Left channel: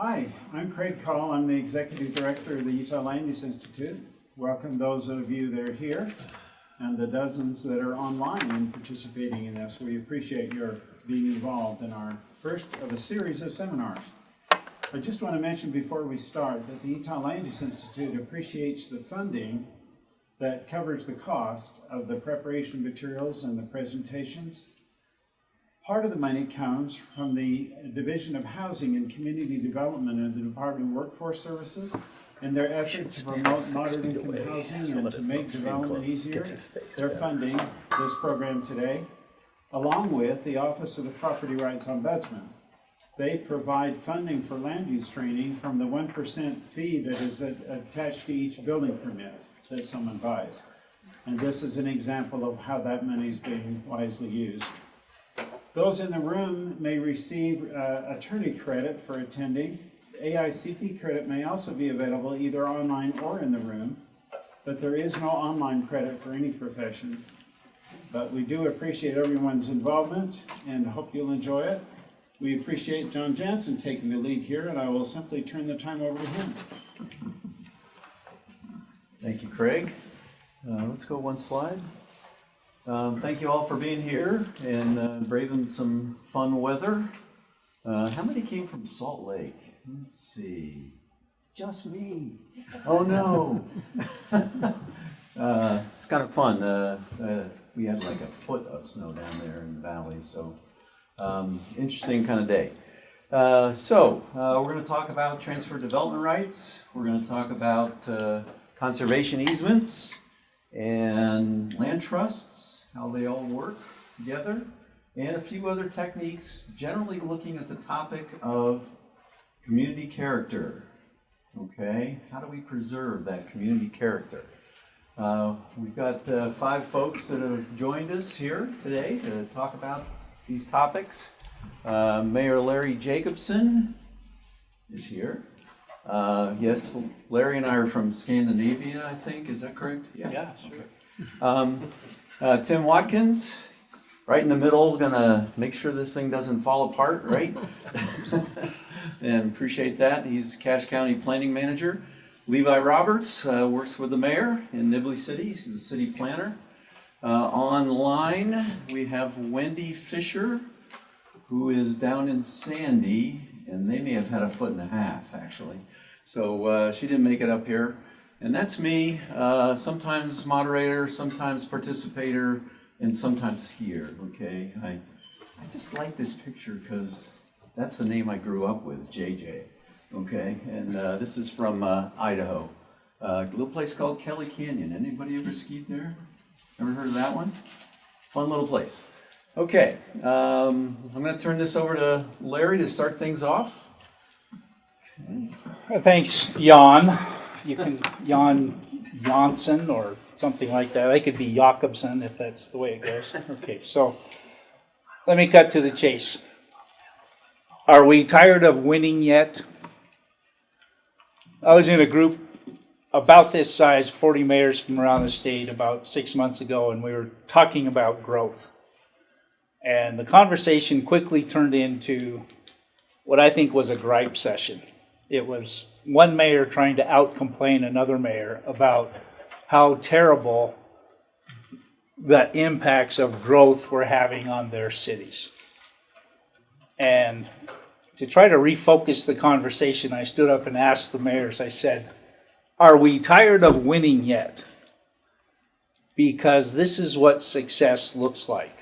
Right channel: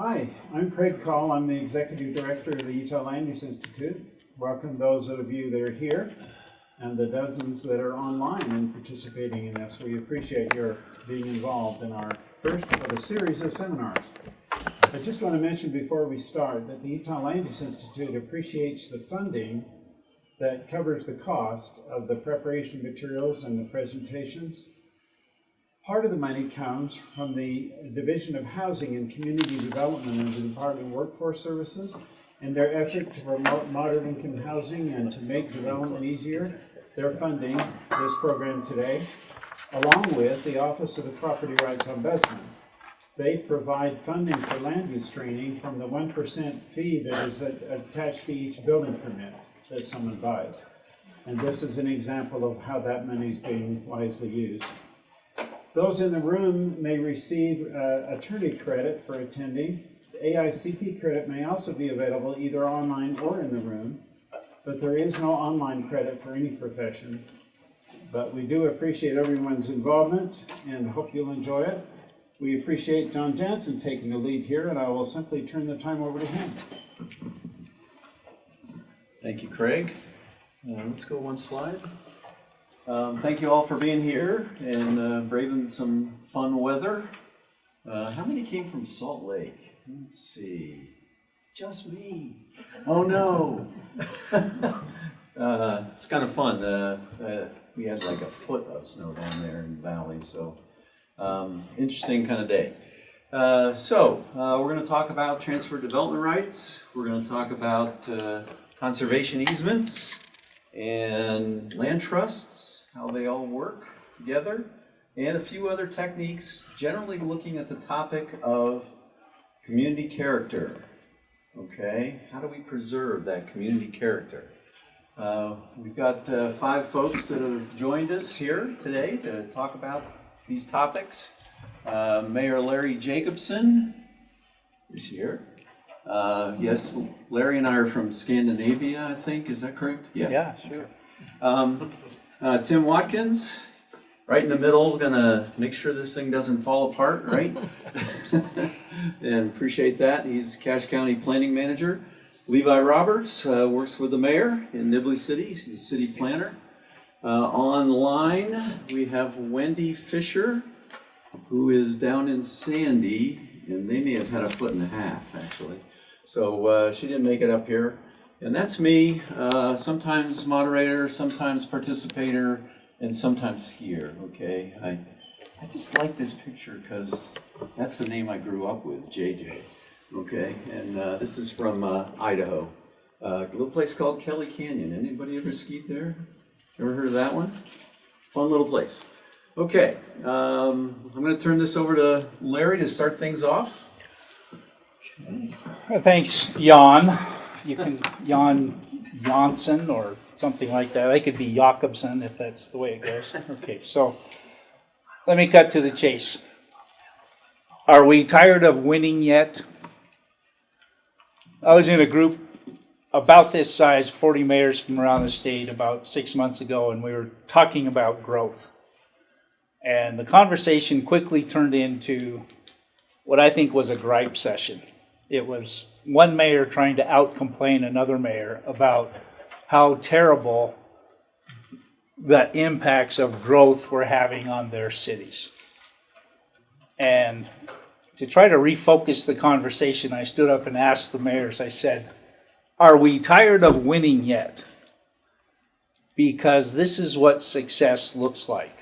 Hi, I'm Craig Call. I'm the Executive Director of the Utah Land Use Institute. Welcome those of you that are here and the dozens that are online and participating in this. We appreciate your being involved in our first of a series of seminars. I just want to mention before we start that the Utah Land Use Institute appreciates the funding that covers the cost of the preparation materials and the presentations. Part of the money comes from the Division of Housing and Community Development of the Department of Workforce Services and their effort to promote moderate income housing and to make development easier. They're funding this program today, along with the Office of the Property Rights Ombudsman. They provide funding for land use training from the 1% fee that is attached to each building permit that someone buys. And this is an example of how that money is being wisely used. Those in the room may receive attorney credit for attending. The AICP credit may also be available either online or in the room, but there is no online credit for any profession. But we do appreciate everyone's involvement and hope you'll enjoy it. We appreciate John Jansen taking the lead here, and I will simply turn the time over to him. Thank you, Craig. Let's go one slide. Thank you all for being here and braving some fun weather. How many came from Salt Lake? Let's see. Just me. Oh no. It's kind of fun. We had like a foot of snow down there in the valley, so interesting kind of day. We're going to talk about transfer development rights. We're going to talk about conservation easements and land trusts, how they all work together, and a few other techniques, generally looking at the topic of community character. Okay, how do we preserve that community character? We've got 5 folks that have joined us here today to talk about these topics. Mayor Larry Jacobson is here. Yes, Larry and I are from Scandinavia, I think. Is that correct? Yeah, sure. Tim Watkins, right in the middle, gonna make sure this thing doesn't fall apart, right? And appreciate that. He's Cache County Planning Manager. Levi Roberts works with the mayor in Nibley City. He's the city planner. Online, we have Wendy Fisher, who is down in Sandy, and they may have had a foot and a half, actually. So she didn't make it up here. And that's me, sometimes moderator, sometimes participator, and sometimes skier, okay? I just like this picture because that's the name I grew up with, JJ, okay? And this is from Idaho, a little place called Kelly Canyon. Anybody ever skied there? Ever heard of that one? Fun little place. Okay, I'm going to turn this over to Larry to start things off. Thanks, Jan. You can Jan Janssen or something like that. I could be Jakobsen if that's the way it goes. Okay, so let me cut to the chase. Are we tired of winning yet? I was in a group about this size, 40 mayors from around the state, about 6 months ago, and we were talking about growth. And the conversation quickly turned into what I think was a gripe session. It was one mayor trying to out-complain another mayor about how terrible the impacts of growth were having on their cities. And to try to refocus the conversation, I stood up and asked the mayors, I said, are we tired of winning yet? Because this is what success looks like.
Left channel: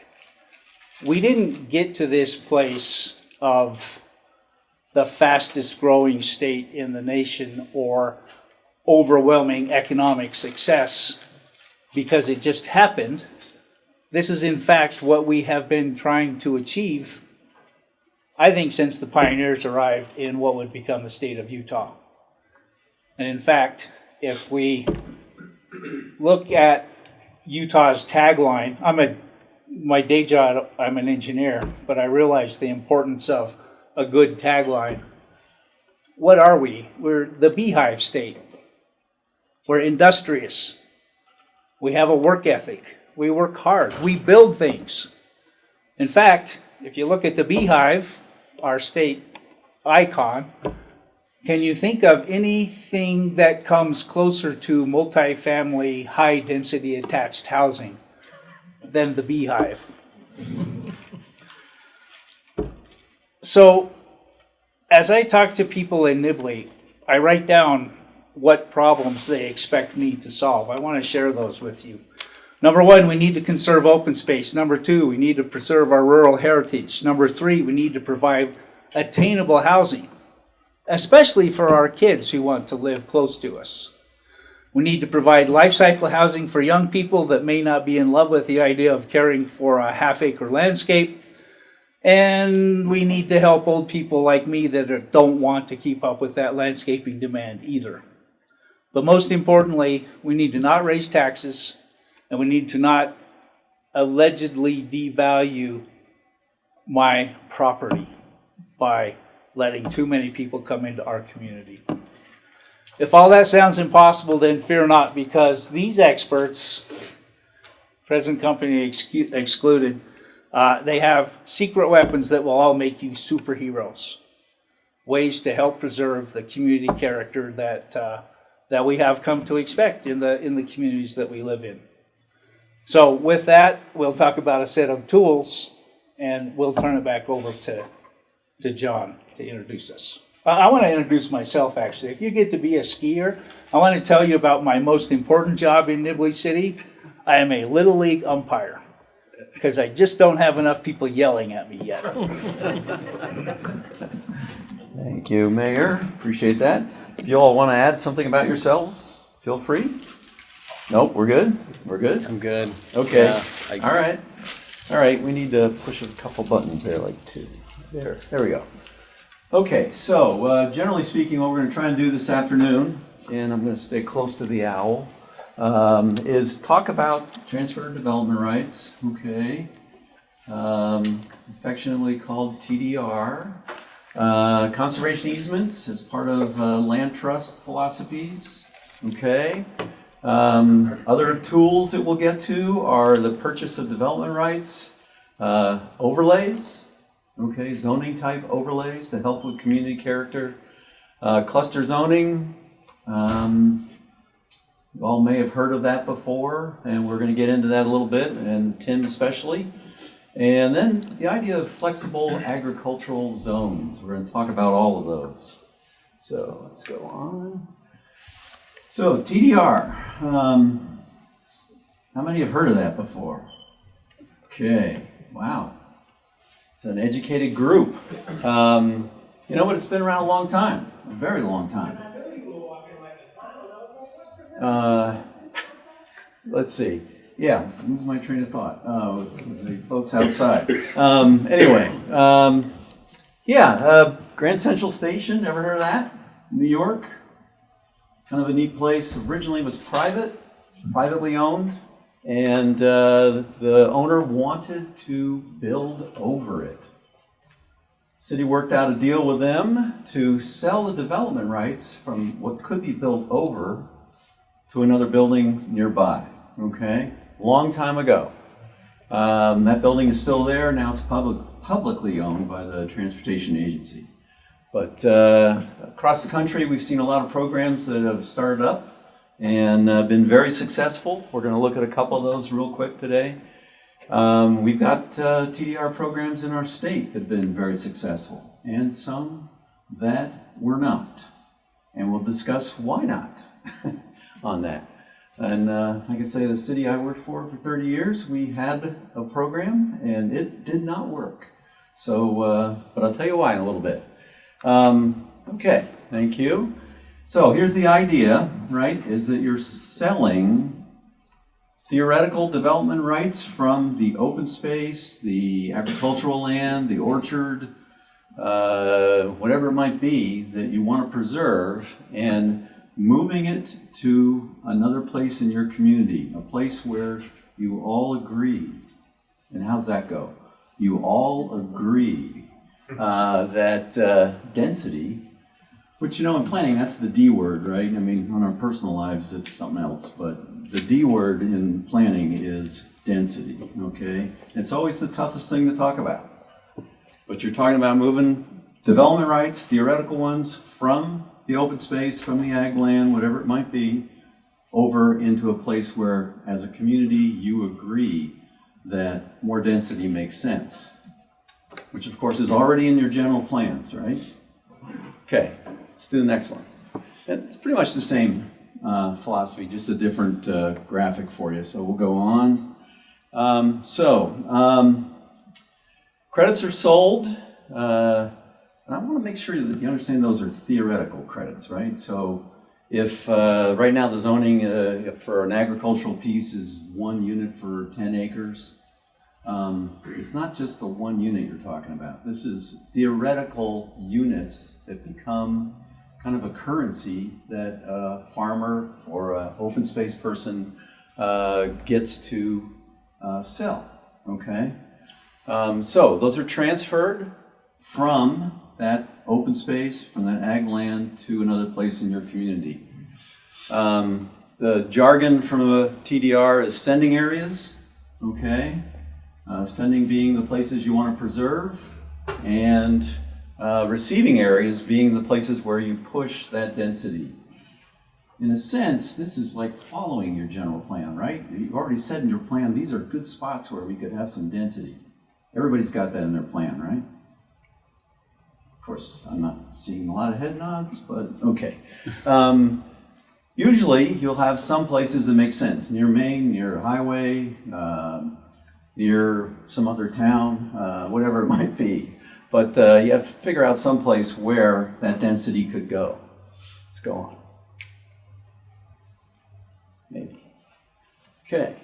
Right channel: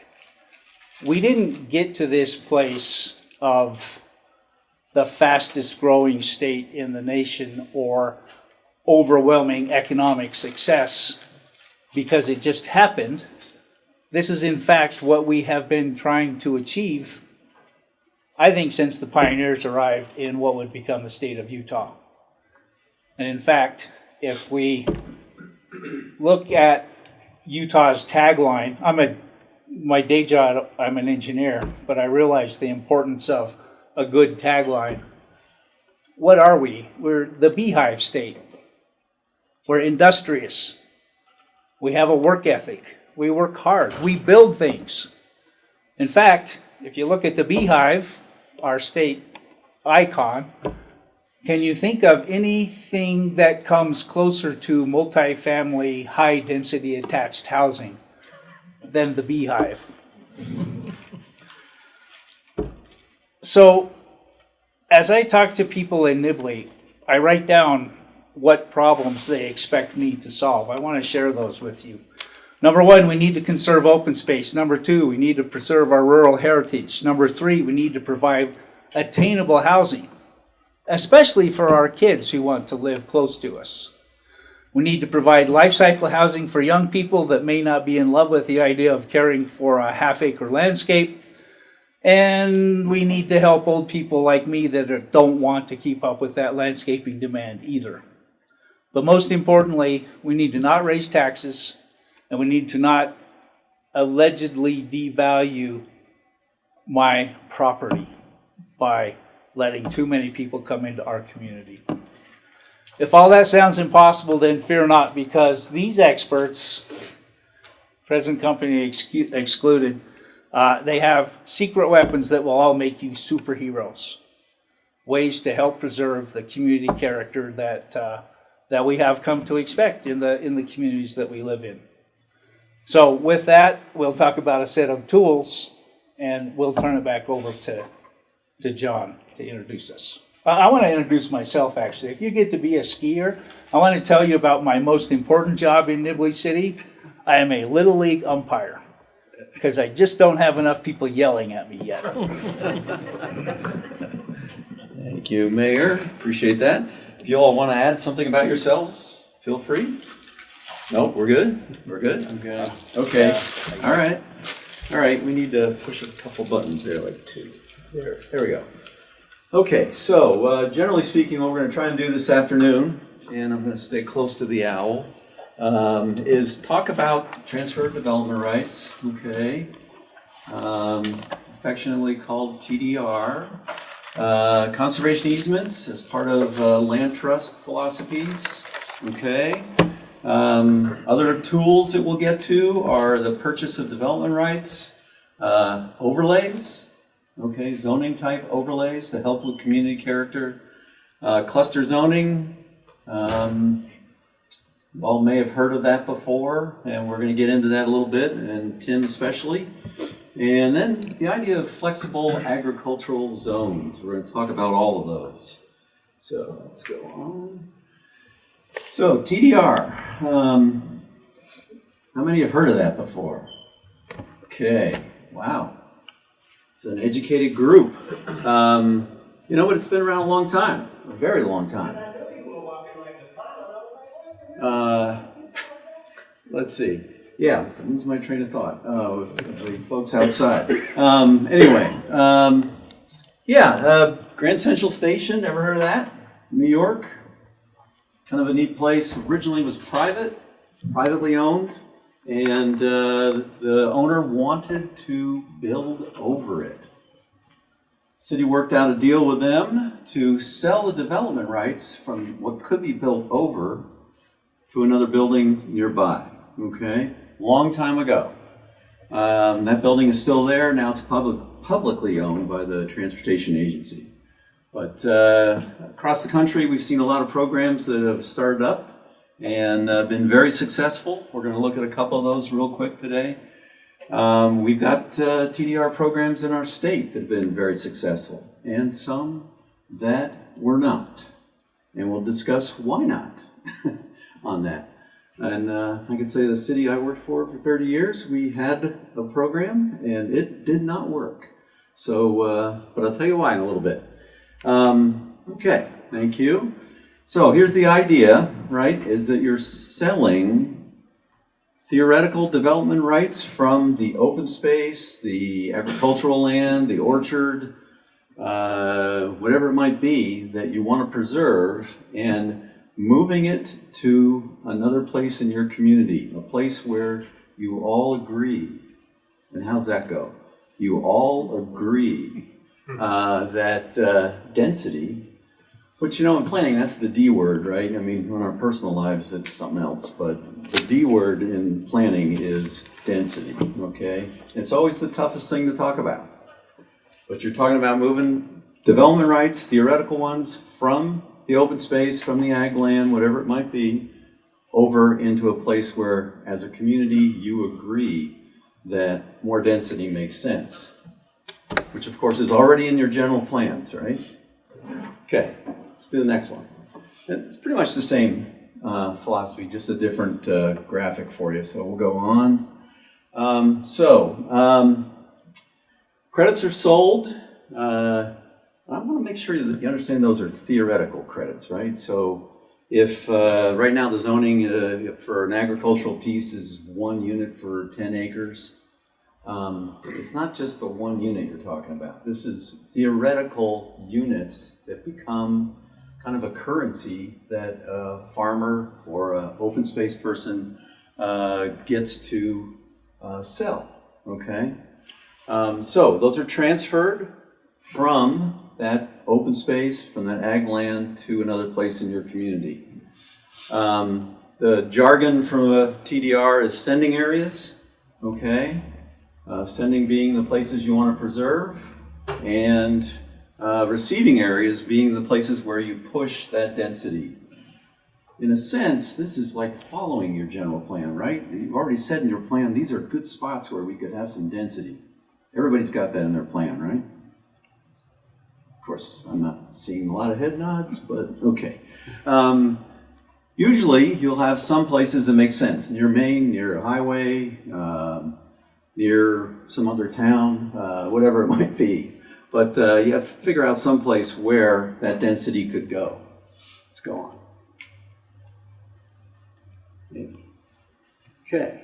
We didn't get to this place of the fastest growing state in the nation or overwhelming economic success because it just happened. This is in fact what we have been trying to achieve, I think, since the pioneers arrived in what would become the state of Utah. And in fact, if we look at Utah's tagline, my day job, I'm an engineer, but I realize the importance of a good tagline. What are we? We're the beehive state. We're industrious. We have a work ethic. We work hard. We build things. In fact, if you look at the beehive, our state icon, Can you think of anything that comes closer to multifamily, high-density attached housing than the Beehive? So, as I talk to people in Nibley, I write down what problems they expect me to solve. I want to share those with you. Number one, we need to conserve open space. Number two, we need to preserve our rural heritage. Number three, we need to provide attainable housing, especially for our kids who want to live close to us. We need to provide life cycle housing for young people that may not be in love with the idea of caring for a half-acre landscape. And we need to help old people like me that don't want to keep up with that landscaping demand either. But most importantly, we need to not raise taxes, and we need to not allegedly devalue my property by letting too many people come into our community. If all that sounds impossible, then fear not, because these experts, present company excluded, they have secret weapons that will all make you superheroes. Ways to help preserve the community character that we have come to expect in the communities that we live in. So with that, we'll talk about a set of tools, and we'll turn it back over to John to introduce us. I want to introduce myself, actually. If you get to be a skier, I want to tell you about my most important job in Nibley City. I am a Little League umpire, because I just don't have enough people yelling at me yet. Thank you, Mayor. Appreciate that. If you all want to add something about yourselves, feel free. Nope, we're good? We're good? I'm good. Okay. Yeah, All right. All right, we need to push a couple buttons there, like two. There we go. Okay, so generally speaking, what we're going to try and do this afternoon, and I'm going to stay close to the owl, is talk about transfer development rights, okay, affectionately called TDR, conservation easements as part of land trust philosophies, okay. Other tools that we'll get to are the purchase of development rights, overlays, okay, zoning type overlays to help with community character, cluster zoning. You all may have heard of that before, and we're going to get into that a little bit, and Tim especially. And then the idea of flexible agricultural zones. We're going to talk about all of those. So let's go on. So TDR, how many have heard of that before? Okay, wow. It's an educated group. You know, but it's been around a long time, a very long time. Let's see. Yeah, lose my train of thought. The folks outside. Anyway, Grand Central Station, ever heard of that? New York? Kind of a neat place. Originally was privately owned, and the owner wanted to build over it. City worked out a deal with them to sell the development rights from what could be built over to another building nearby, okay? Long time ago. That building is still there. Now it's publicly owned by the Transportation Agency. But across the country, we've seen a lot of programs that have started up and been very successful. We're going to look at a couple of those real quick today. We've got TDR programs in our state that have been very successful, and some that were not. And we'll discuss why not on that. And I can say the city I worked for 30 years, we had a program and it did not work. So, but I'll tell you why in a little bit. Okay, thank you. So here's the idea, right, is that you're selling theoretical development rights from the open space, the agricultural land, the orchard, whatever it might be that you want to preserve, and moving it to another place in your community, a place where you all agree. And how's that go? You all agree that density, which, you know, in planning, that's the D word, right? I mean, in our personal lives, it's something else, but the D word in planning is density, okay? It's always the toughest thing to talk about. But you're talking about moving development rights, theoretical ones, from the open space, from the ag land, whatever it might be, over into a place where, as a community, you agree that more density makes sense, which of course is already in your general plans, right? Okay, let's do the next one. And it's pretty much the same philosophy, just a different graphic for you. So we'll go on. Credits are sold. I want to make sure that you understand those are theoretical credits, right? So if right now the zoning for an agricultural piece is 1 unit for 10 acres, it's not just the 1 unit you're talking about. This is theoretical units that become kind of a currency that a farmer or an open space person gets to sell, okay? So those are transferred from that open space, from that ag land to another place in your community. The jargon from a TDR is sending areas, okay? Sending being the places you want to preserve, and receiving areas being the places where you push that density. In a sense, this is like following your general plan, right? You've already said in your plan, these are good spots where we could have some density. Everybody's got that in their plan, right? Of course, I'm not seeing a lot of head nods, but okay. Usually, you'll have some places that make sense. Near Maine, near a highway, near some other town, whatever it might be. But you have to figure out some place where that density could go. Let's go on. Maybe. Okay.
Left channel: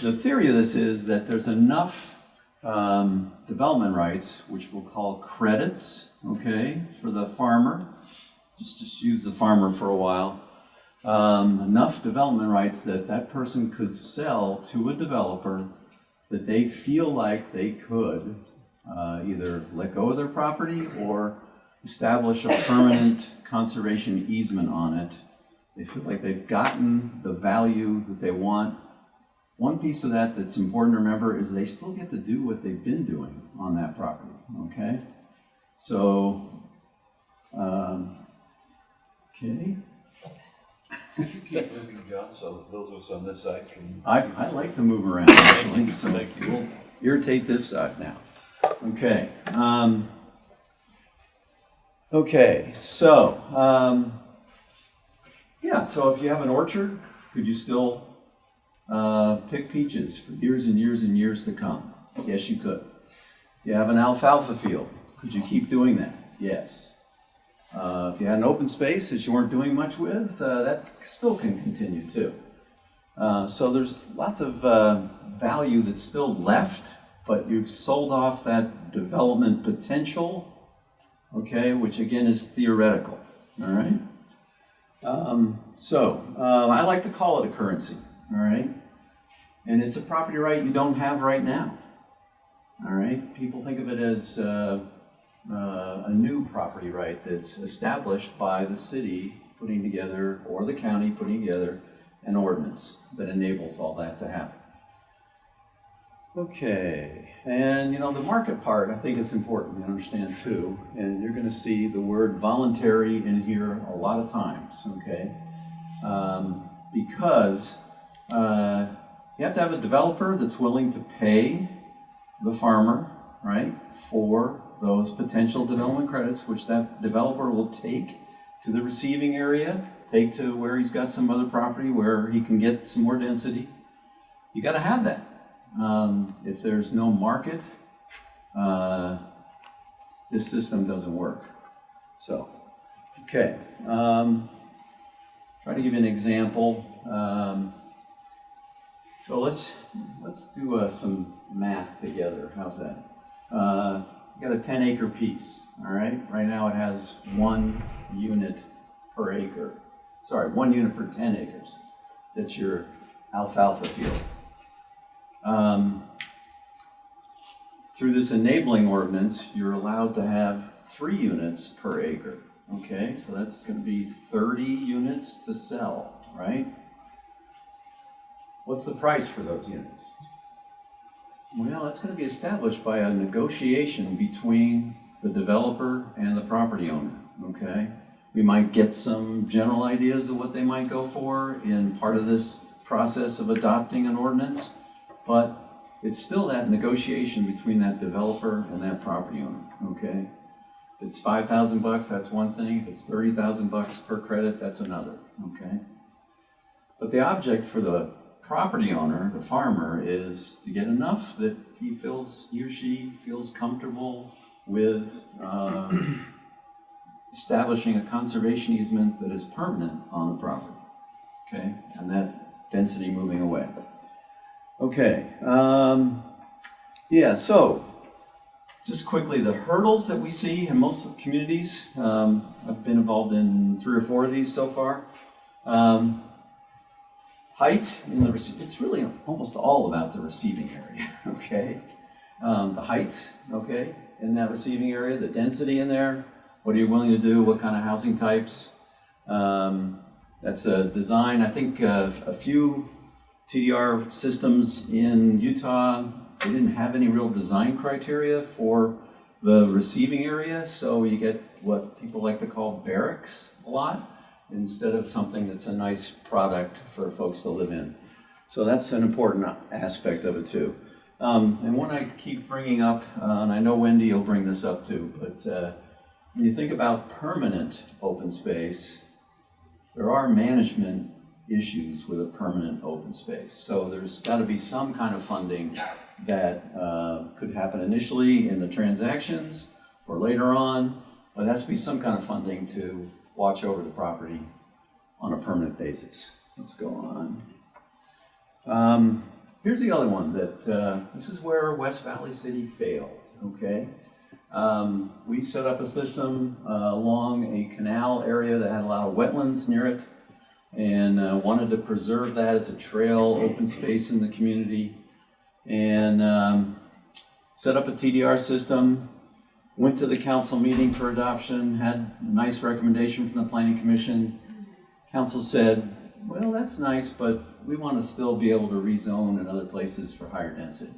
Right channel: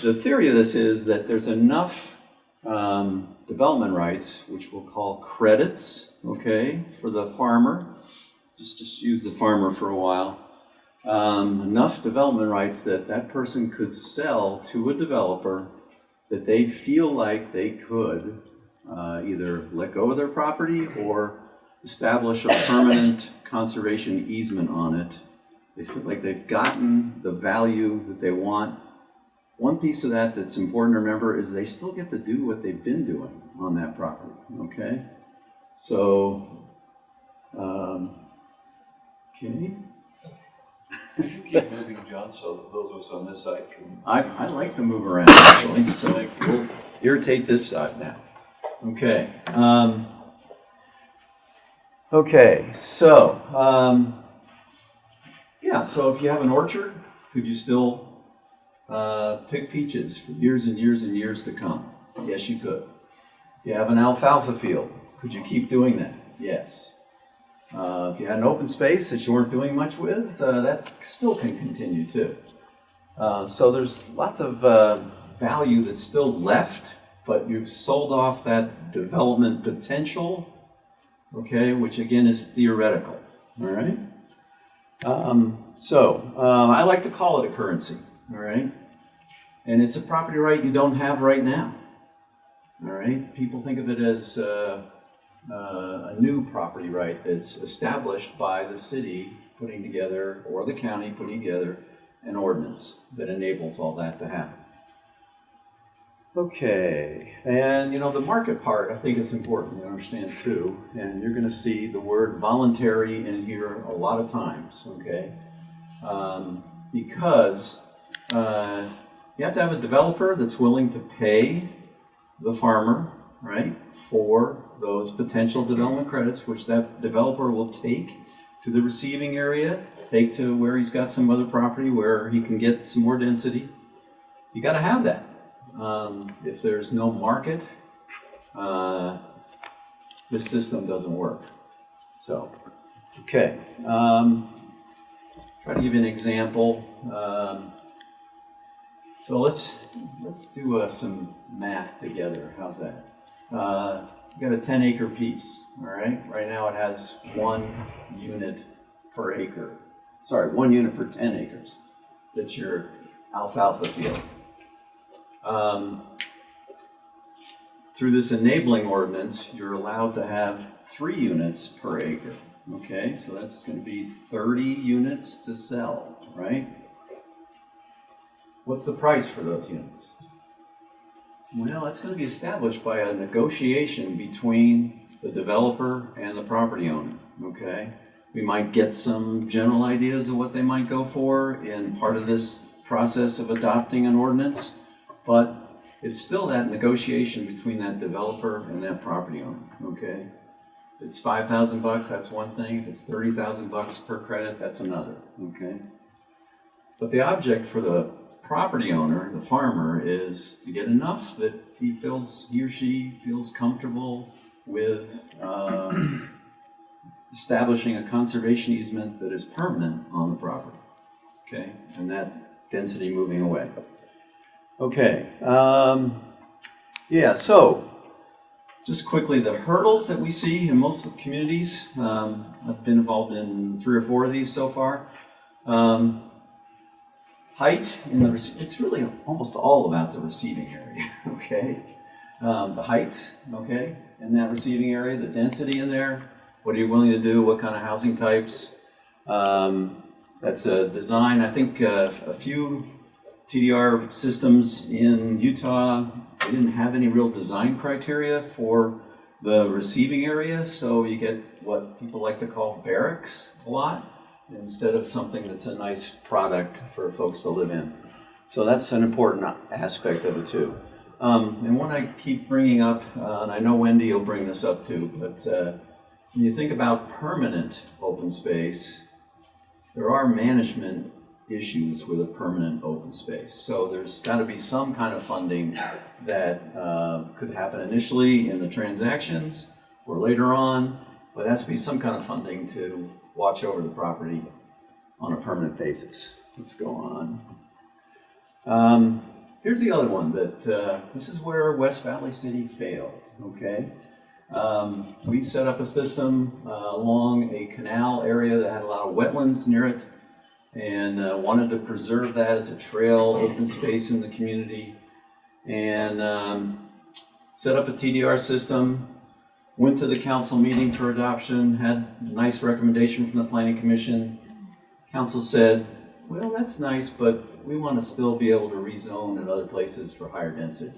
The theory of this is that there's enough development rights, which we'll call credits, okay, for the farmer. Just use the farmer for a while. Enough development rights that that person could sell to a developer that they feel like they could either let go of their property or establish a permanent conservation easement on it. They feel like they've gotten the value that they want. One piece of that that's important to remember is they still get to do what they've been doing on that property, okay? So, okay. Could you keep moving, John, so those of us on this side can... I like to move around, actually, so we'll irritate this side now. Okay. So if you have an orchard, could you still pick peaches for years and years and years to come? Yes, you could. You have an alfalfa field. Could you keep doing that? Yes. If you had an open space that you weren't doing much with, that still can continue too. So there's lots of value that's still left, but you've sold off that development potential, okay, which again is theoretical, all right? I like to call it a currency, all right? And it's a property right you don't have right now, all right? People think of it as a new property right that's established by the city putting together, or the county putting together, an ordinance that enables all that to happen. Okay, and the market part I think is important to understand too, and you're going to see the word voluntary in here a lot of times, okay? Because you have to have a developer that's willing to pay the farmer, right, for those potential development credits, which that developer will take to the receiving area, take to where he's got some other property where he can get some more density. You got to have that. If there's no market, this system doesn't work. So, okay. Try to give you an example. So let's do some math together. How's that? You got a 10-acre piece, all right? Right now it has 1 unit per acre. Sorry, 1 unit per 10 acres. That's your alfalfa field. Through this enabling ordinance, you're allowed to have 3 units per acre. Okay, so that's going to be 30 units to sell, right? What's the price for those units? Well, that's going to be established by a negotiation between the developer and the property owner, okay? We might get some general ideas of what they might go for in part of this process of adopting an ordinance, but it's still that negotiation between that developer and that property owner, okay? If it's $5,000, that's one thing. If it's $30,000 per credit, that's another, okay? But the object for the property owner, the farmer, is to get enough that he or she feels comfortable with establishing a conservation easement that is permanent on the property, okay? And that density moving away. Okay, yeah, so just quickly, the hurdles that we see in most of the communities, I've been involved in 3 or 4 of these so far. Height in the it's really almost all about the receiving area, okay? The height, okay, in that receiving area, the density in there, what are you willing to do, what kind of housing types? That's a design, I think a few TDR systems in Utah, they didn't have any real design criteria for the receiving area, so you get what people like to call barracks a lot, instead of something that's a nice product for folks to live in. So that's an important aspect of it too. And one I keep bringing up, and I know Wendy will bring this up too, but when you think about permanent open space, there are management issues with a permanent open space. So there's got to be some kind of funding that could happen initially in the transactions or later on, but there has to be some kind of funding to watch over the property on a permanent basis. Let's go on. Here's the other one that this is where West Valley City failed, okay? We set up a system along a canal area that had a lot of wetlands near it, and wanted to preserve that as a trail, open space in the community, and set up a TDR system, went to the council meeting for adoption, had a nice recommendation from the planning commission. Council said, well, that's nice, but we want to still be able to rezone in other places for higher density.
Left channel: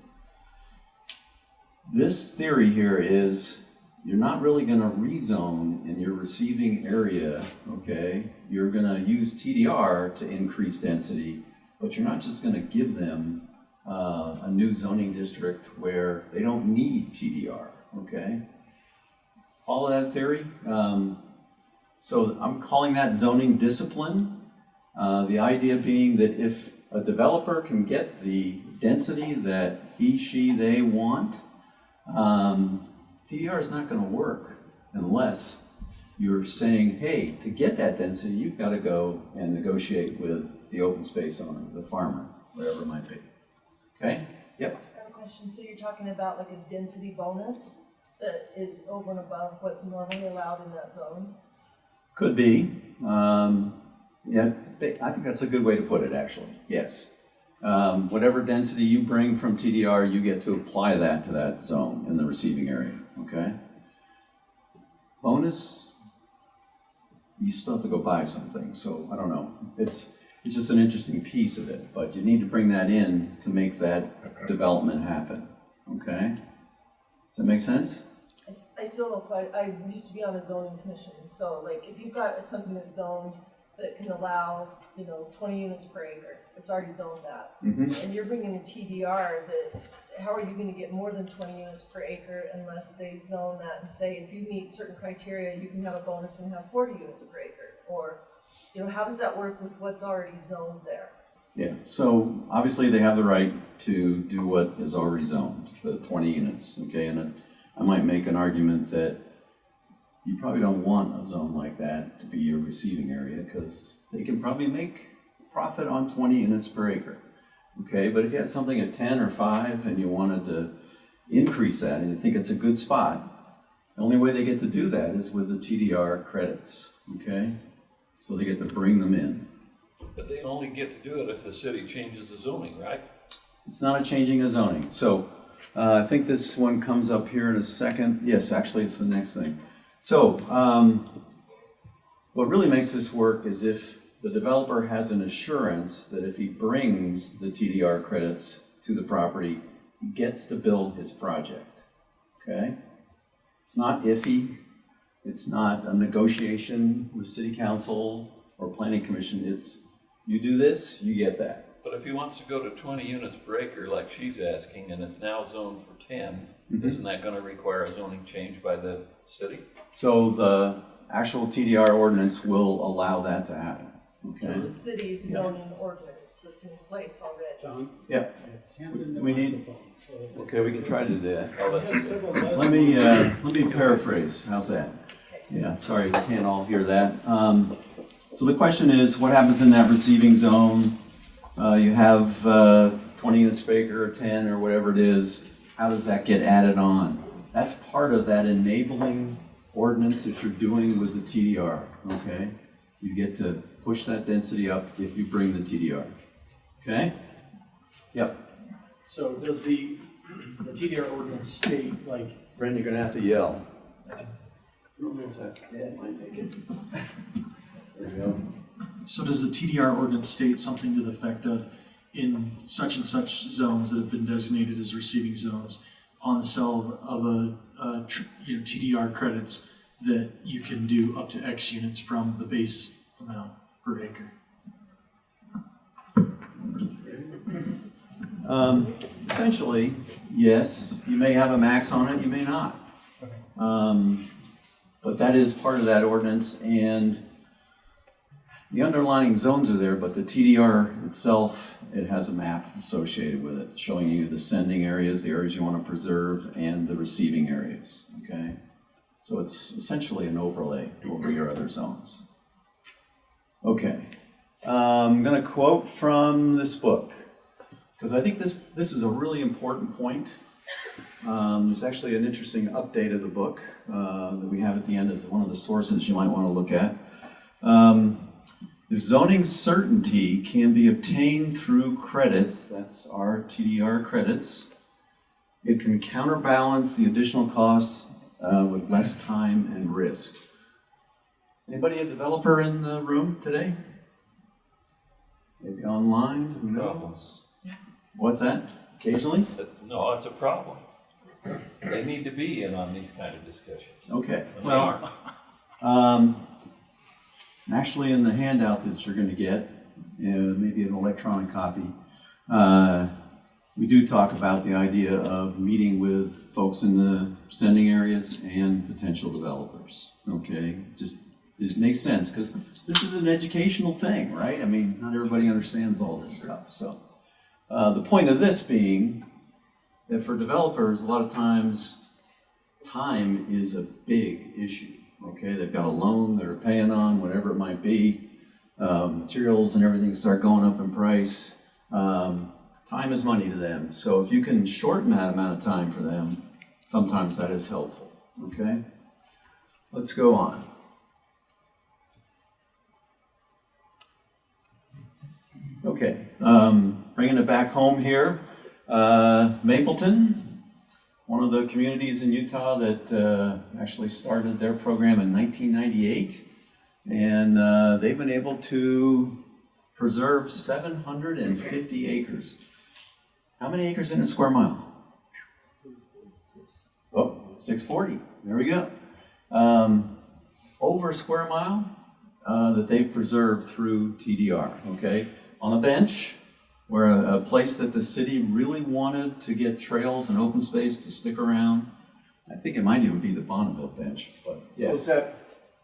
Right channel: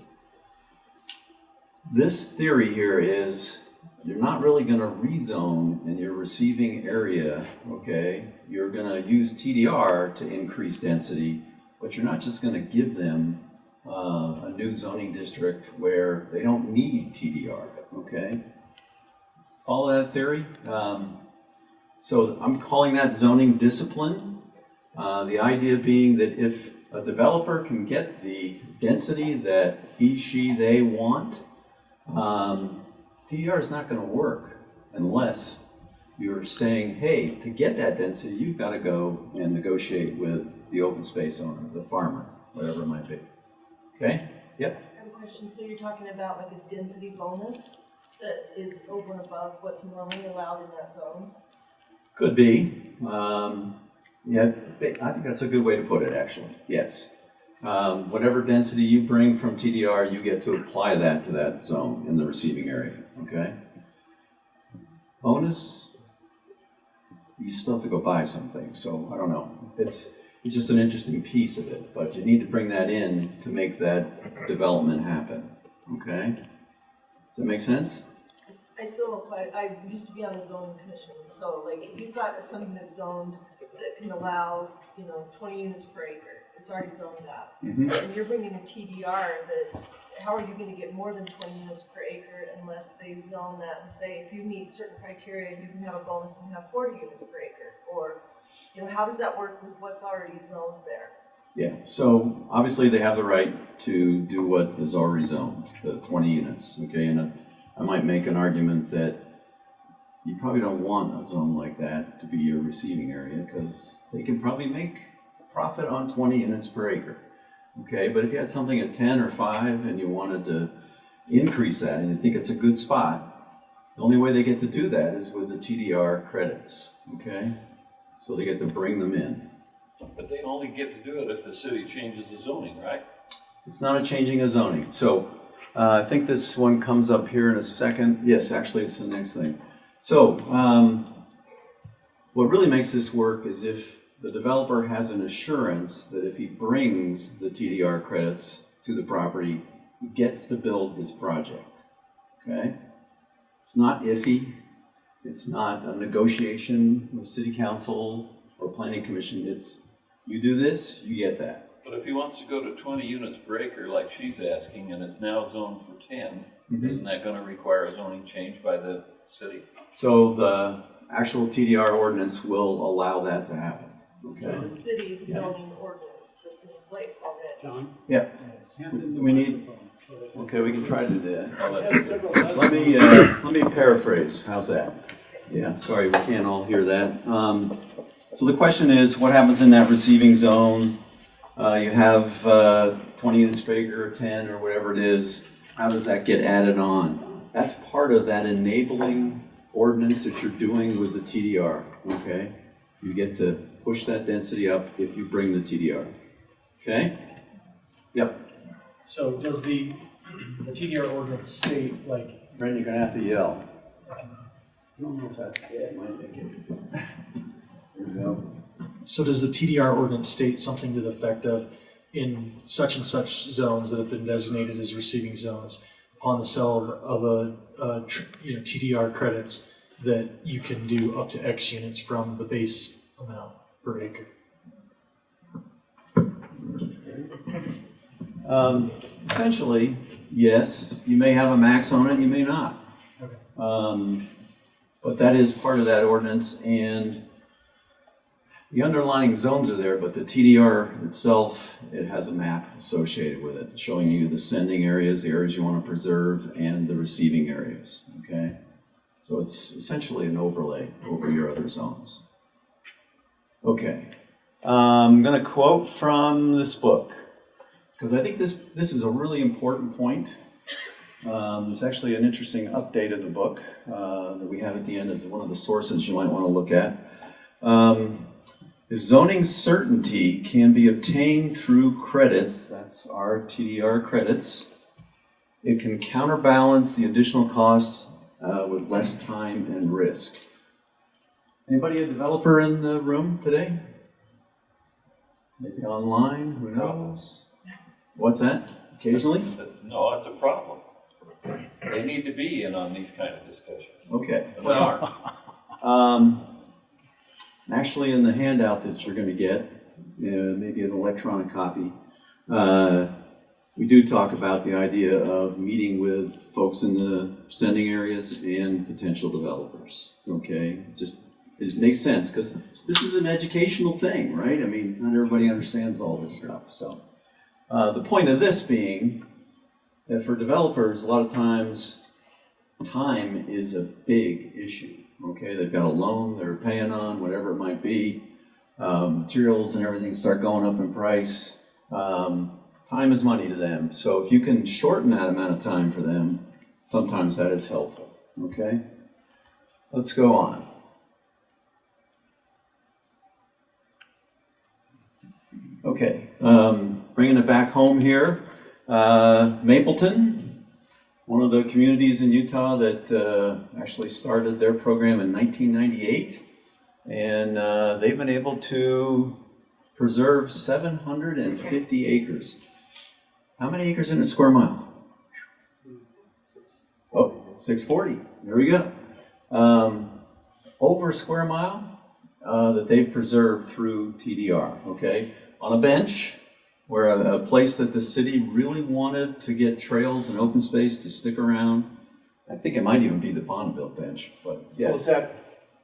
This theory here is you're not really going to rezone in your receiving area, okay? You're going to use TDR to increase density, but you're not just going to give them a new zoning district where they don't need TDR, okay? Follow that theory? So I'm calling that zoning discipline. The idea being that if a developer can get the density that he, she, they want, TDR is not going to work unless you're saying, hey, to get that density, you've got to go and negotiate with the open space owner, the farmer, whatever it might be. Okay? Yep. I have a question. So you're talking about like a density bonus that is over and above what's normally allowed in that zone? Could be. Yeah, I think that's a good way to put it, actually. Yes. Whatever density you bring from TDR, you get to apply that to that zone in the receiving area, okay? Bonus, you still have to go buy something, so I don't know. It's just an interesting piece of it, but you need to bring that in to make that development happen, okay? Does that make sense? I still don't quite, I used to be on the zoning commission, so like if you've got something that's zoned that can allow, 20 units per acre, it's already zoned that. Mm-hmm. And you're bringing a TDR that, how are you gonna get more than 20 units per acre unless they zone that and say, if you meet certain criteria, you can have a bonus and have 40 units per acre? Or, how does that work with what's already zoned there? Yeah, so obviously they have the right to do what is already zoned, the 20 units, okay? And I might make an argument that you probably don't want a zone like that to be your receiving area because they can probably make profit on 20 units per acre, okay? But if you had something at 10 or 5 and you wanted to increase that and you think it's a good spot, the only way they get to do that is with the TDR credits, okay? So they get to bring them in. But they only get to do it if the city changes the zoning, right? It's not a changing of zoning. So I think this one comes up here in a second. Yes, actually it's the next thing. So what really makes this work is if the developer has an assurance that if he brings the TDR credits to the property, he gets to build his project, okay? It's not iffy. It's not a negotiation with city council or planning commission. It's, you do this, you get that. But if he wants to go to 20 units per acre like she's asking and is now zoned for 10, isn't that gonna require a zoning change by the city? So the actual TDR ordinance will allow that to happen, So okay? it's a city zoning ordinance that's in place already. Yeah, we need, okay, we can try to do that. Oh, that's okay. Let me paraphrase, how's that? Yeah, sorry, we can't all hear that. So the question is, what happens in that receiving zone? You have 20 units per acre or 10 or whatever it is, how does that get added on? That's part of that enabling ordinance that you're doing with the TDR, okay? You get to push that density up if you bring the TDR, okay? Yep. So does the TDR ordinance state, like, Brendan, you're gonna have to yell. I don't know if it might make it. There we go. so does the TDR ordinance state something to the effect of, in such and such zones that have been designated as receiving zones, upon the sale of TDR credits, that you can do up to X units from the base amount per acre? Essentially, yes, you may have a max on it, you may not. But that is part of that ordinance, and the underlying zones are there, but the TDR itself, it has a map associated with it, showing you the sending areas, the areas you want to preserve, and the receiving areas, okay? So it's essentially an overlay over your other zones. Okay, I'm gonna quote from this book, because I think this is a really important point. There's actually an interesting update of the book that we have at the end as one of the sources you might want to look at. If zoning certainty can be obtained through credits, that's our TDR credits, it can counterbalance the additional costs with less time and risk. Anybody a developer in the room today? Maybe online, who knows? What's that? Occasionally? No, it's a problem. They need to be in on these kind of discussions. Okay. And they aren't. Actually, in the handout that you're going to get, maybe an electronic copy, we do talk about the idea of meeting with folks in the sending areas and potential developers. Okay, just it makes sense because this is an educational thing, right? I mean, not everybody understands all this stuff. So the point of this being that for developers, a lot of times time is a big issue. Okay, they've got a loan they're paying on, whatever it might be. Materials and everything start going up in price. Time is money to them. So if you can shorten that amount of time for them, sometimes that is helpful. Okay, let's go on. Okay, bringing it back home here. Mapleton, one of the communities in Utah that actually started their program in 1998, and they've been able to preserve 750 acres. How many acres in a square mile? Oh, 640. There we go. Over a square mile that they've preserved through TDR. Okay, on a bench. Where a place that the city really wanted to get trails and open space to stick around. I think it might even be the Bonneville bench, but yes. So is that,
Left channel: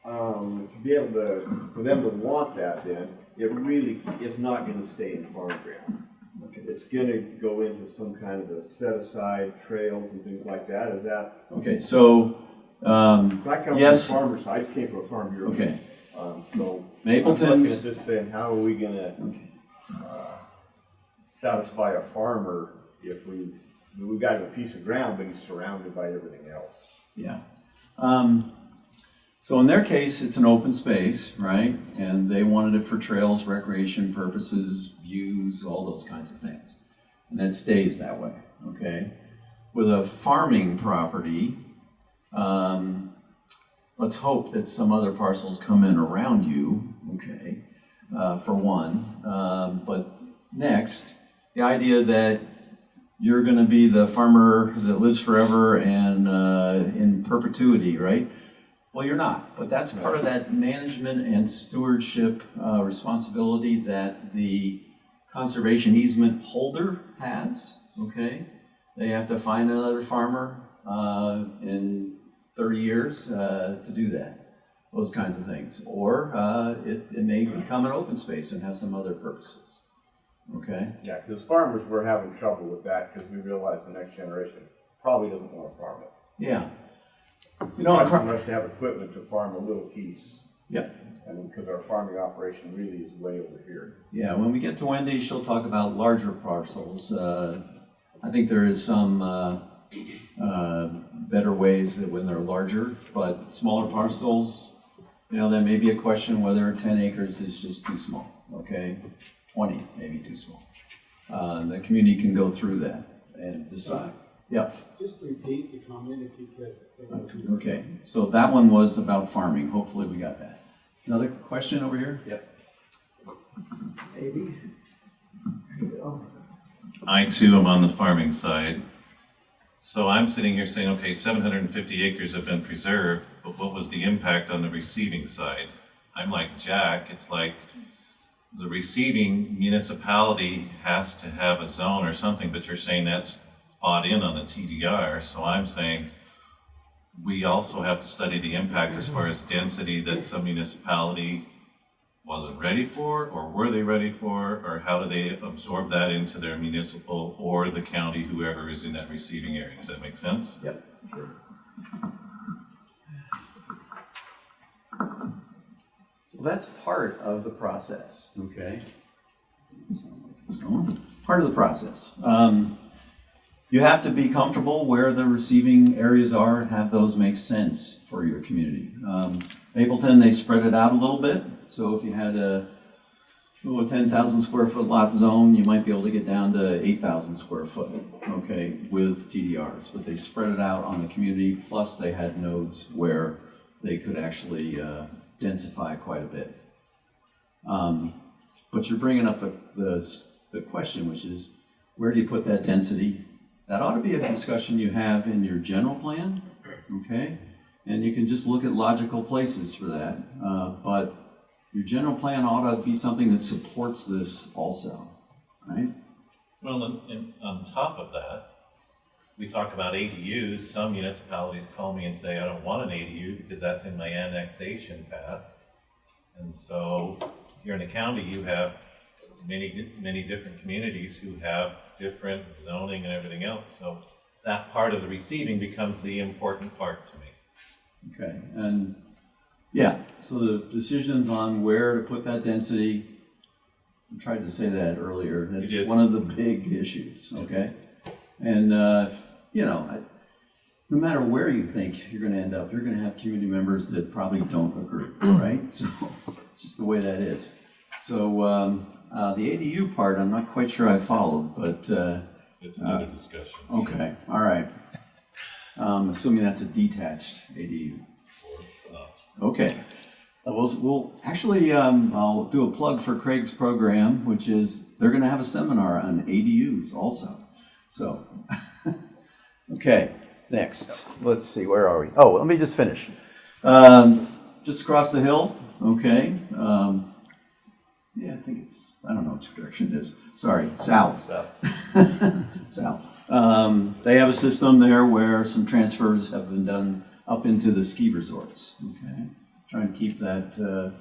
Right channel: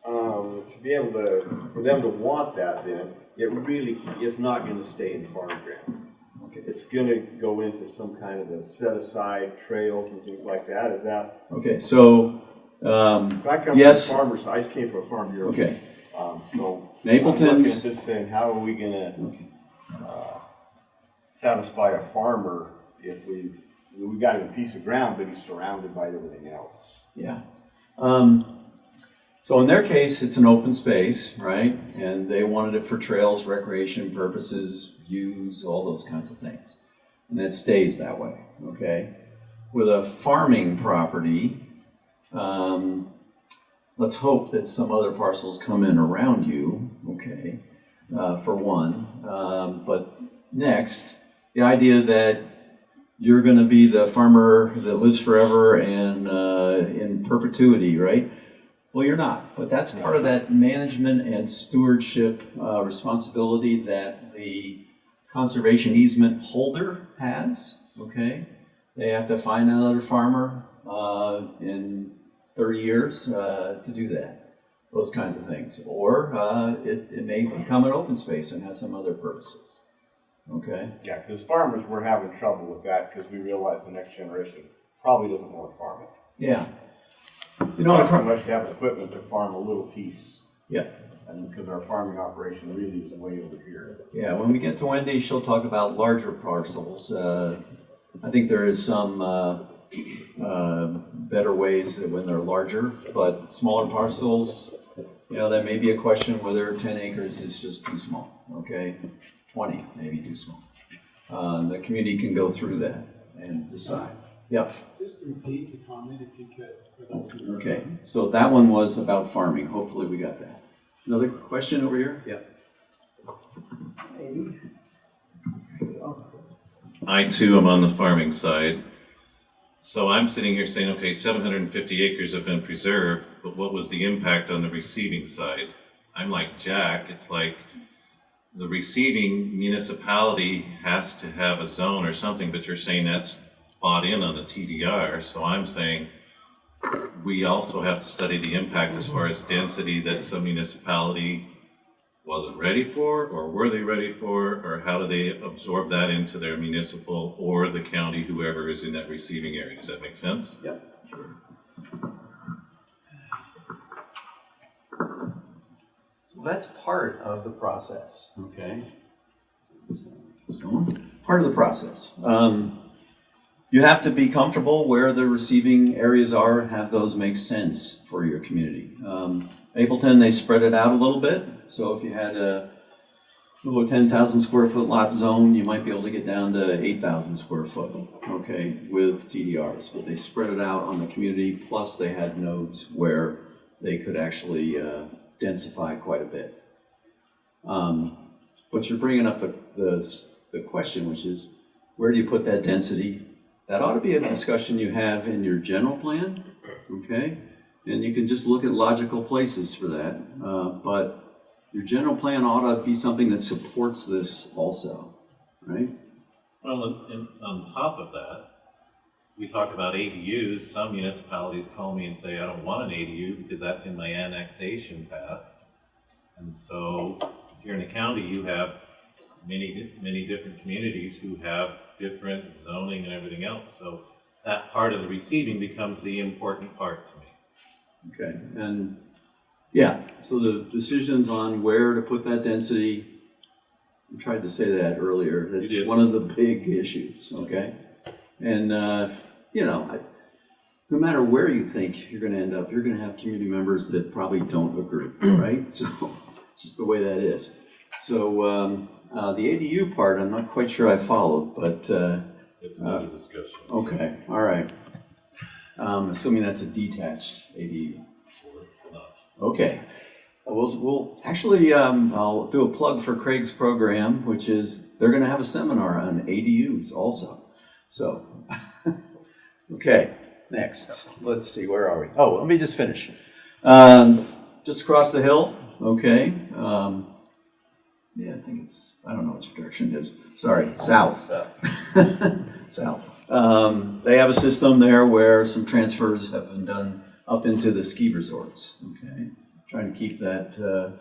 to be able to, for them to want that then, it really is not gonna stay in farm ground. Okay. It's gonna go into some kind of a set aside trails and things like that, is that? Okay, so, I come yes. from a farmer's, I just came from a farm bureau. Okay, So. Mapleton's- I'm looking at this saying, how are we gonna, satisfy a farmer if we've got him a piece of ground, but he's surrounded by everything else? yeah. So in their case, it's an open space, right? And they wanted it for trails, recreation purposes, views, all those kinds of things. And it stays that way, okay? With a farming property, let's hope that some other parcels come in around you, okay, for one. But next, the idea that you're going to be the farmer that lives forever and in perpetuity, right? Well, you're not, but that's part of that management and stewardship responsibility that the conservation easement holder has, okay? They have to find another farmer in 30 years to do that, those kinds of things. Or it may become an open space and have some other purposes, okay? Yeah, because farmers, we're having trouble with that because we realize the next generation probably doesn't want to farm it. Yeah. You Not know, so much to have equipment to farm a little piece. yeah. And because our farming operation really is way over here. Yeah, when we get to Wendy, she'll talk about larger parcels. I think there is some better ways that when they're larger, but smaller parcels, you know, there may be a question whether 10 acres is just too small, okay? 20, maybe too small. The community can go through that and decide. Yeah, Just repeat the comment if you could. okay. So that one was about farming. Hopefully we got that. Another question over here? Yep. Maybe. I too am on the farming side. So I'm sitting here saying, okay, 750 acres have been preserved, but what was the impact on the receiving side? I'm like Jack, it's like the receiving municipality has to have a zone or something, but you're saying that's bought in on the TDR. So I'm saying we also have to study the impact as far as density that some municipality wasn't ready for, or were they ready for, or how do they absorb that into their municipal or the county, whoever is in that receiving area? Does that make sense? Yep, sure. So that's part of the process, okay? It's going. Part of the process. You have to be comfortable where the receiving areas are and have those make sense for your community. Mapleton, they spread it out a little bit. So if you had a 10,000 square foot lot zone, you might be able to get down to 8,000 square foot, okay, with TDRs. But they spread it out on the community, plus they had nodes where they could actually densify quite a bit. But you're bringing up the question, which is, where do you put that density? That ought to be a discussion you have in your general plan, okay? And you can just look at logical places for that. But your general plan ought to be something that supports this also, right? Well, on top of that, we talk about ADUs. Some municipalities call me and say, I don't want an ADU because that's in my annexation path. And so here in the county, you have many different communities who have different zoning and everything else. So that part of the receiving becomes the important part to me. Okay, and yeah, so the decisions on where to put that density, I tried to say that earlier, that's one of the big issues, okay? And, you know, no matter where you think you're gonna end up, you're gonna have community members that probably don't agree, right? So it's just the way that is. So the ADU part, I'm not quite sure I followed, but It's another discussion. okay, all right. Assuming that's a detached ADU. Or not. Okay. We'll actually, I'll do a plug for Craig's program, which is they're going to have a seminar on ADUs also. So, okay, next. Let's see, where are we? Oh, let me just finish. Just across the hill, okay. Yeah, I think it's, I don't know which direction it is. Sorry, south. South. They have a system there where some transfers have been done up into the ski resorts, okay? Trying to keep that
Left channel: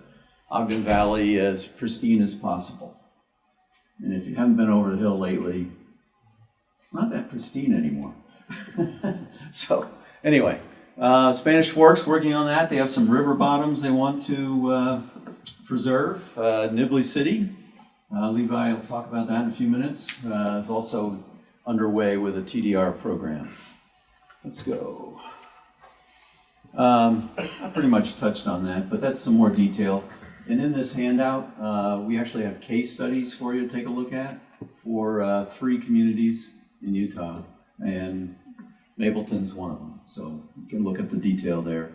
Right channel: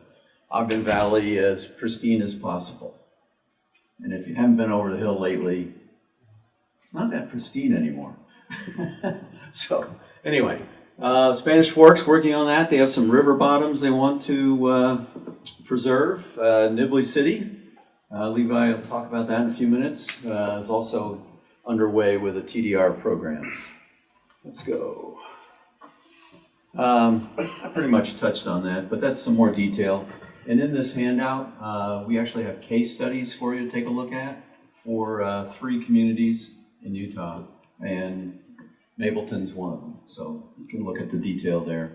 Ogden Valley as pristine as possible. And if you haven't been over the hill lately, it's not that pristine anymore. So, anyway, Spanish Fork's working on that. They have some river bottoms they want to preserve. Nibley City, Levi will talk about that in a few minutes, is also underway with a TDR program. Let's go. I pretty much touched on that, but that's some more detail. And in this handout, we actually have case studies for you to take a look at for 3 communities in Utah, and Mapleton's one of them. So you can look at the detail there.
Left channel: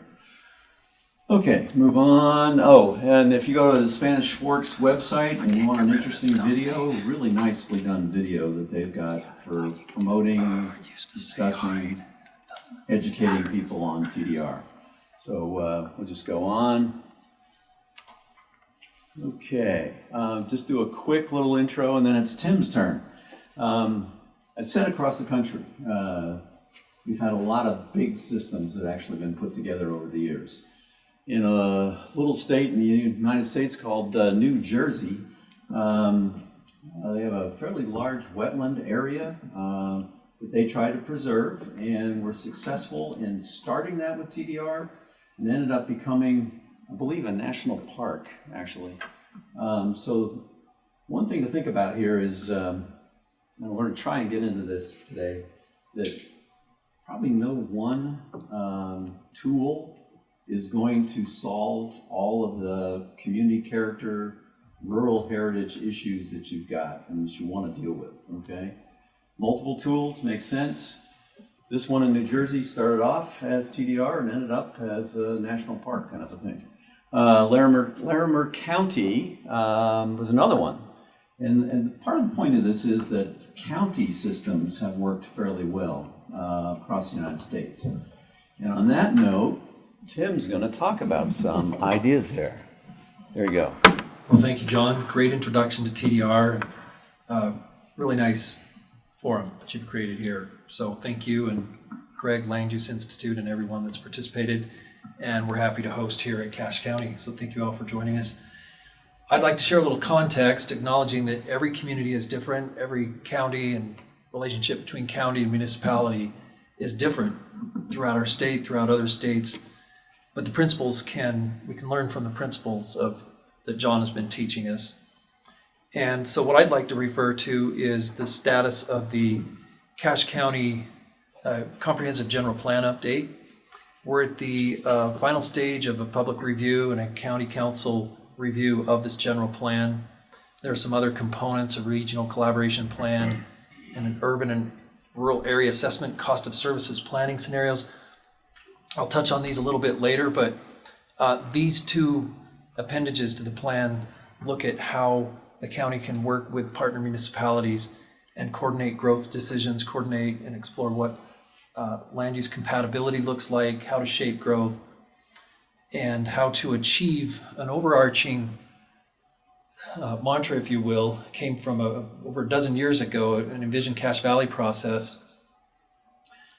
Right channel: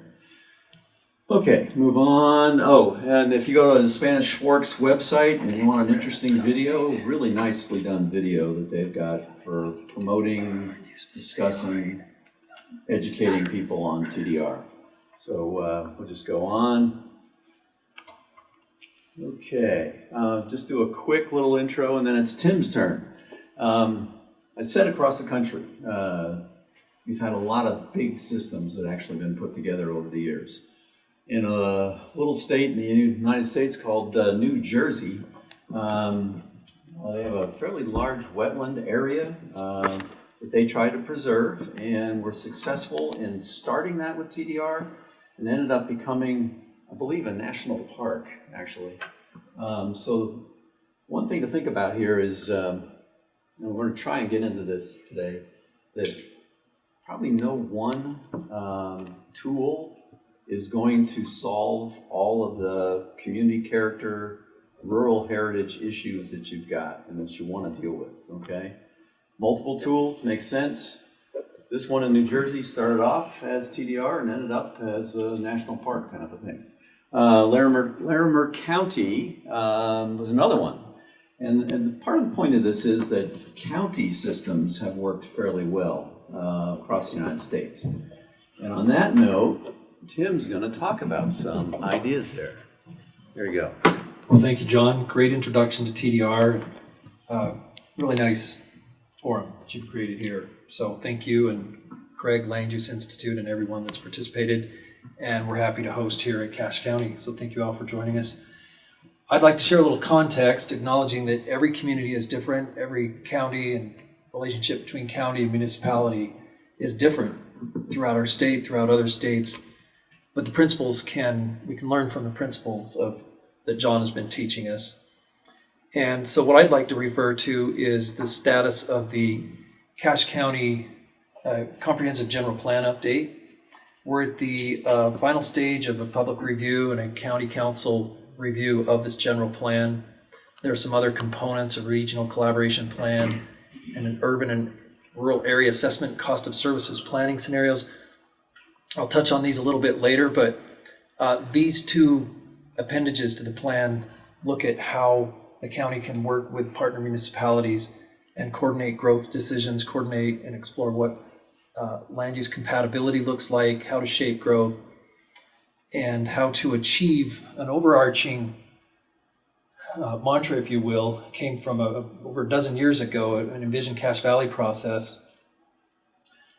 Okay, move on. Oh, and if you go to the Spanish Forks website and you want an interesting video, really nicely done video that they've got for promoting, discussing, educating people on TDR. So we'll just go on. Okay, just do a quick little intro and then it's Tim's turn. I said across the country, we've had a lot of big systems that actually been put together over the years. In a little state in the United States called New Jersey, they have a fairly large wetland area that they tried to preserve and were successful in starting that with TDR and ended up becoming, I believe, a national park, actually. So one thing to think about here is, and we're going to try and get into this today, that probably no one tool is going to solve all of the community character, rural heritage issues that you've got and that you want to deal with, okay? Multiple tools make sense. This one in New Jersey started off as TDR and ended up as a national park kind of a thing. Larimer County was another one. And part of the point of this is that county systems have worked fairly well across the United States. And on that note, Tim's going to talk about some ideas there. There you go. Well, thank you, John. Great introduction to TDR. Really nice forum that you've created here. So thank you, and Greg, Land Use Institute, and everyone that's participated. And we're happy to host here at Cache County. So thank you all for joining us. I'd like to share a little context, acknowledging that every community is different. Every county and relationship between county and municipality is different throughout our state, throughout other states. But the principles we can learn from the principles that John has been teaching us. And so what I'd like to refer to is the status of the Cache County Comprehensive General Plan update. We're at the final stage of a public review and a county council review of this general plan. There are some other components, a regional collaboration plan and an urban and rural area assessment, cost of services planning scenarios. I'll touch on these a little bit later, but these two appendages to the plan look at how the county can work with partner municipalities and coordinate growth decisions, coordinate and explore what land use compatibility looks like, how to shape growth, and how to achieve an overarching mantra, if you will, came from over a dozen years ago, an Envision Cache Valley process,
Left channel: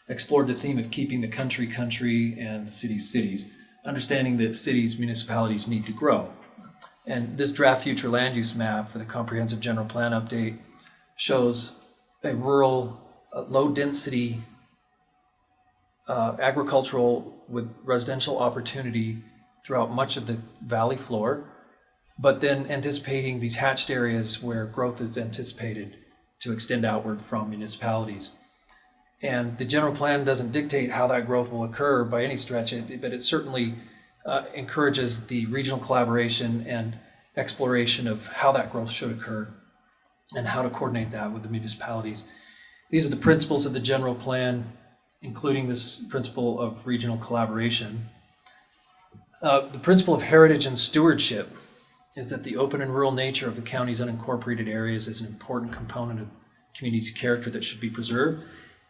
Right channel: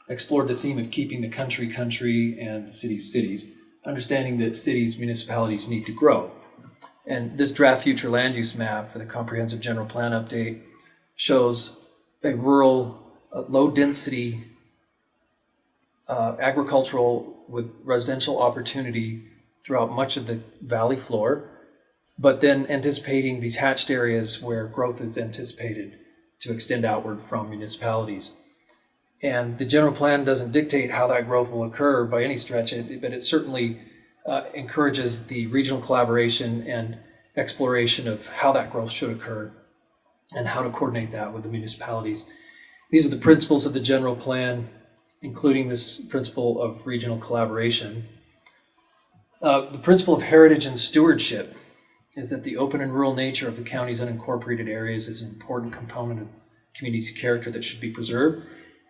explored the theme of keeping the country country and cities, understanding that cities, municipalities need to grow. And this draft future land use map for the Comprehensive General Plan update shows a rural, low density agricultural with residential opportunity throughout much of the valley floor, but then anticipating these hatched areas where growth is anticipated to extend outward from municipalities. And the general plan doesn't dictate how that growth will occur by any stretch, but it certainly encourages the regional collaboration and exploration of how that growth should occur and how to coordinate that with the municipalities. These are the principles of the general plan, including this principle of regional collaboration. The principle of heritage and stewardship is that the open and rural nature of the county's unincorporated areas is an important component of community character that should be preserved.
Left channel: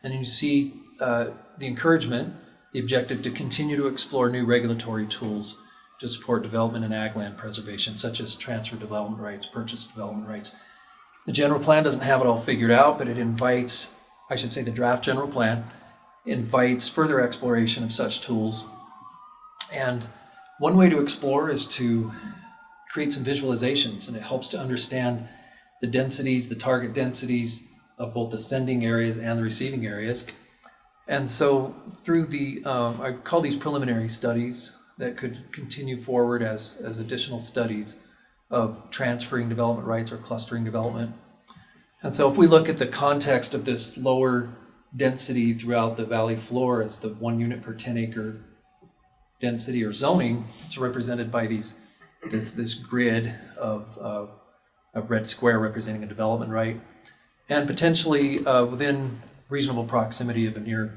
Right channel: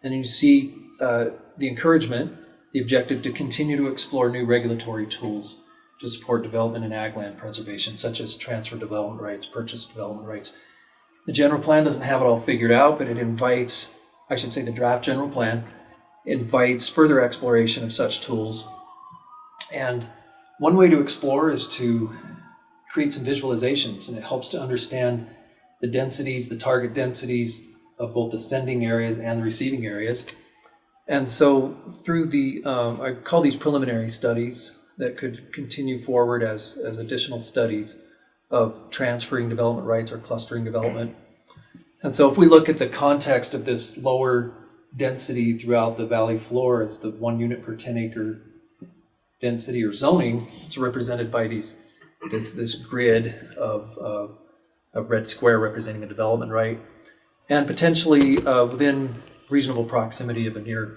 And you see the encouragement, the objective to continue to explore new regulatory tools to support development and ag land preservation, such as transfer development rights, purchase development rights. The general plan doesn't have it all figured out, but it invites, I should say the draft general plan, invites further exploration of such tools. And one way to explore is to create some visualizations, and it helps to understand the densities, the target densities of both the sending areas and the receiving areas. And so through the, I call these preliminary studies that could continue forward as additional studies of transferring development rights or clustering development. And so if we look at the context of this lower density throughout the valley floor as the 1 unit per 10 acre density or zoning, it's represented by this grid of a red square representing a development right, and potentially within reasonable proximity of a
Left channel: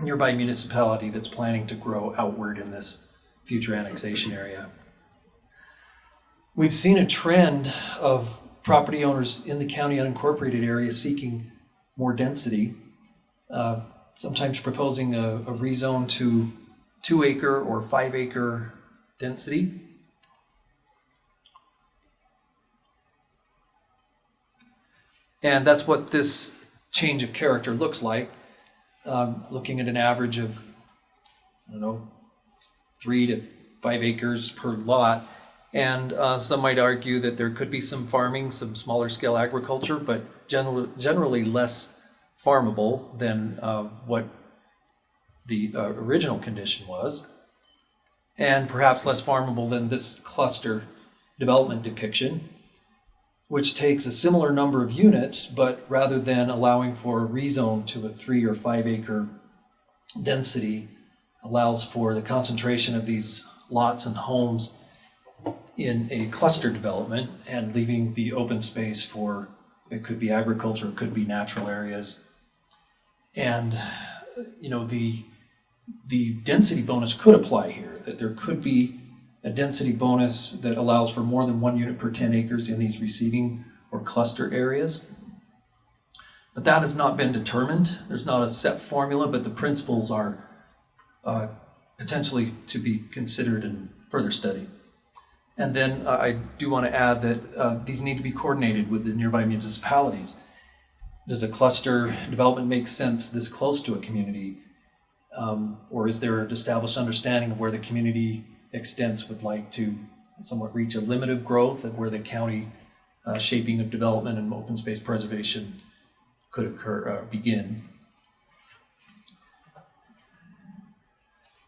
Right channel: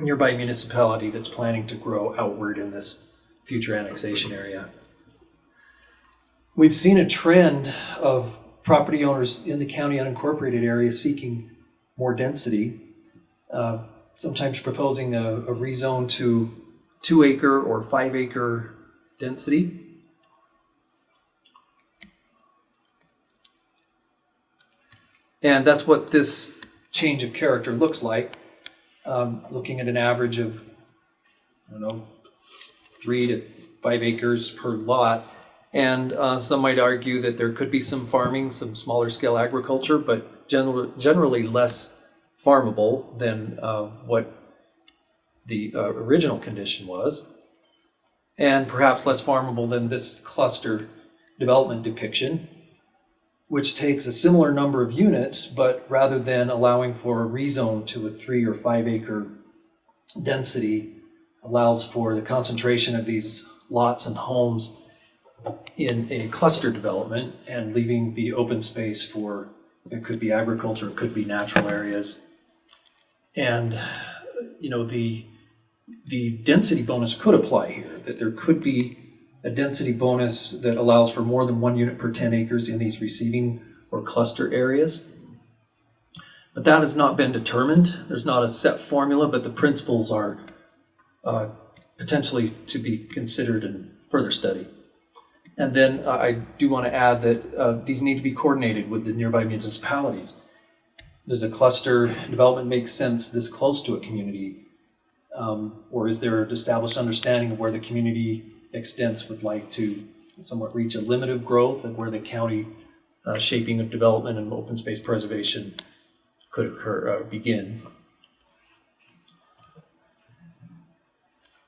nearby municipality that's planning to grow outward in this future annexation area. We've seen a trend of property owners in the county unincorporated area seeking more density, sometimes proposing a rezone to 2-acre or 5-acre density. And that's what this change of character looks like. Looking at an average of, 3 to 5 acres per lot. And some might argue that there could be some farming, some smaller scale agriculture, but generally less farmable than what the original condition was, and perhaps less farmable than this cluster development depiction, which takes a similar number of units, but rather than allowing for a rezone to a 3 or 5 acre density, allows for the concentration of these lots and homes in a cluster development and leaving the open space for, it could be agriculture, it could be natural areas. And, the density bonus could apply here, that there could be a density bonus that allows for more than 1 unit per 10 acres in these receiving or cluster areas. But that has not been determined. There's not a set formula, but the principles are potentially to be considered in further study. And then I do want to add that these need to be coordinated with the nearby municipalities. Does a cluster development make sense this close to a community? Or is there an established understanding of where the community extents would like to somewhat reach a limit of growth and where the county shaping of development and open space preservation could begin?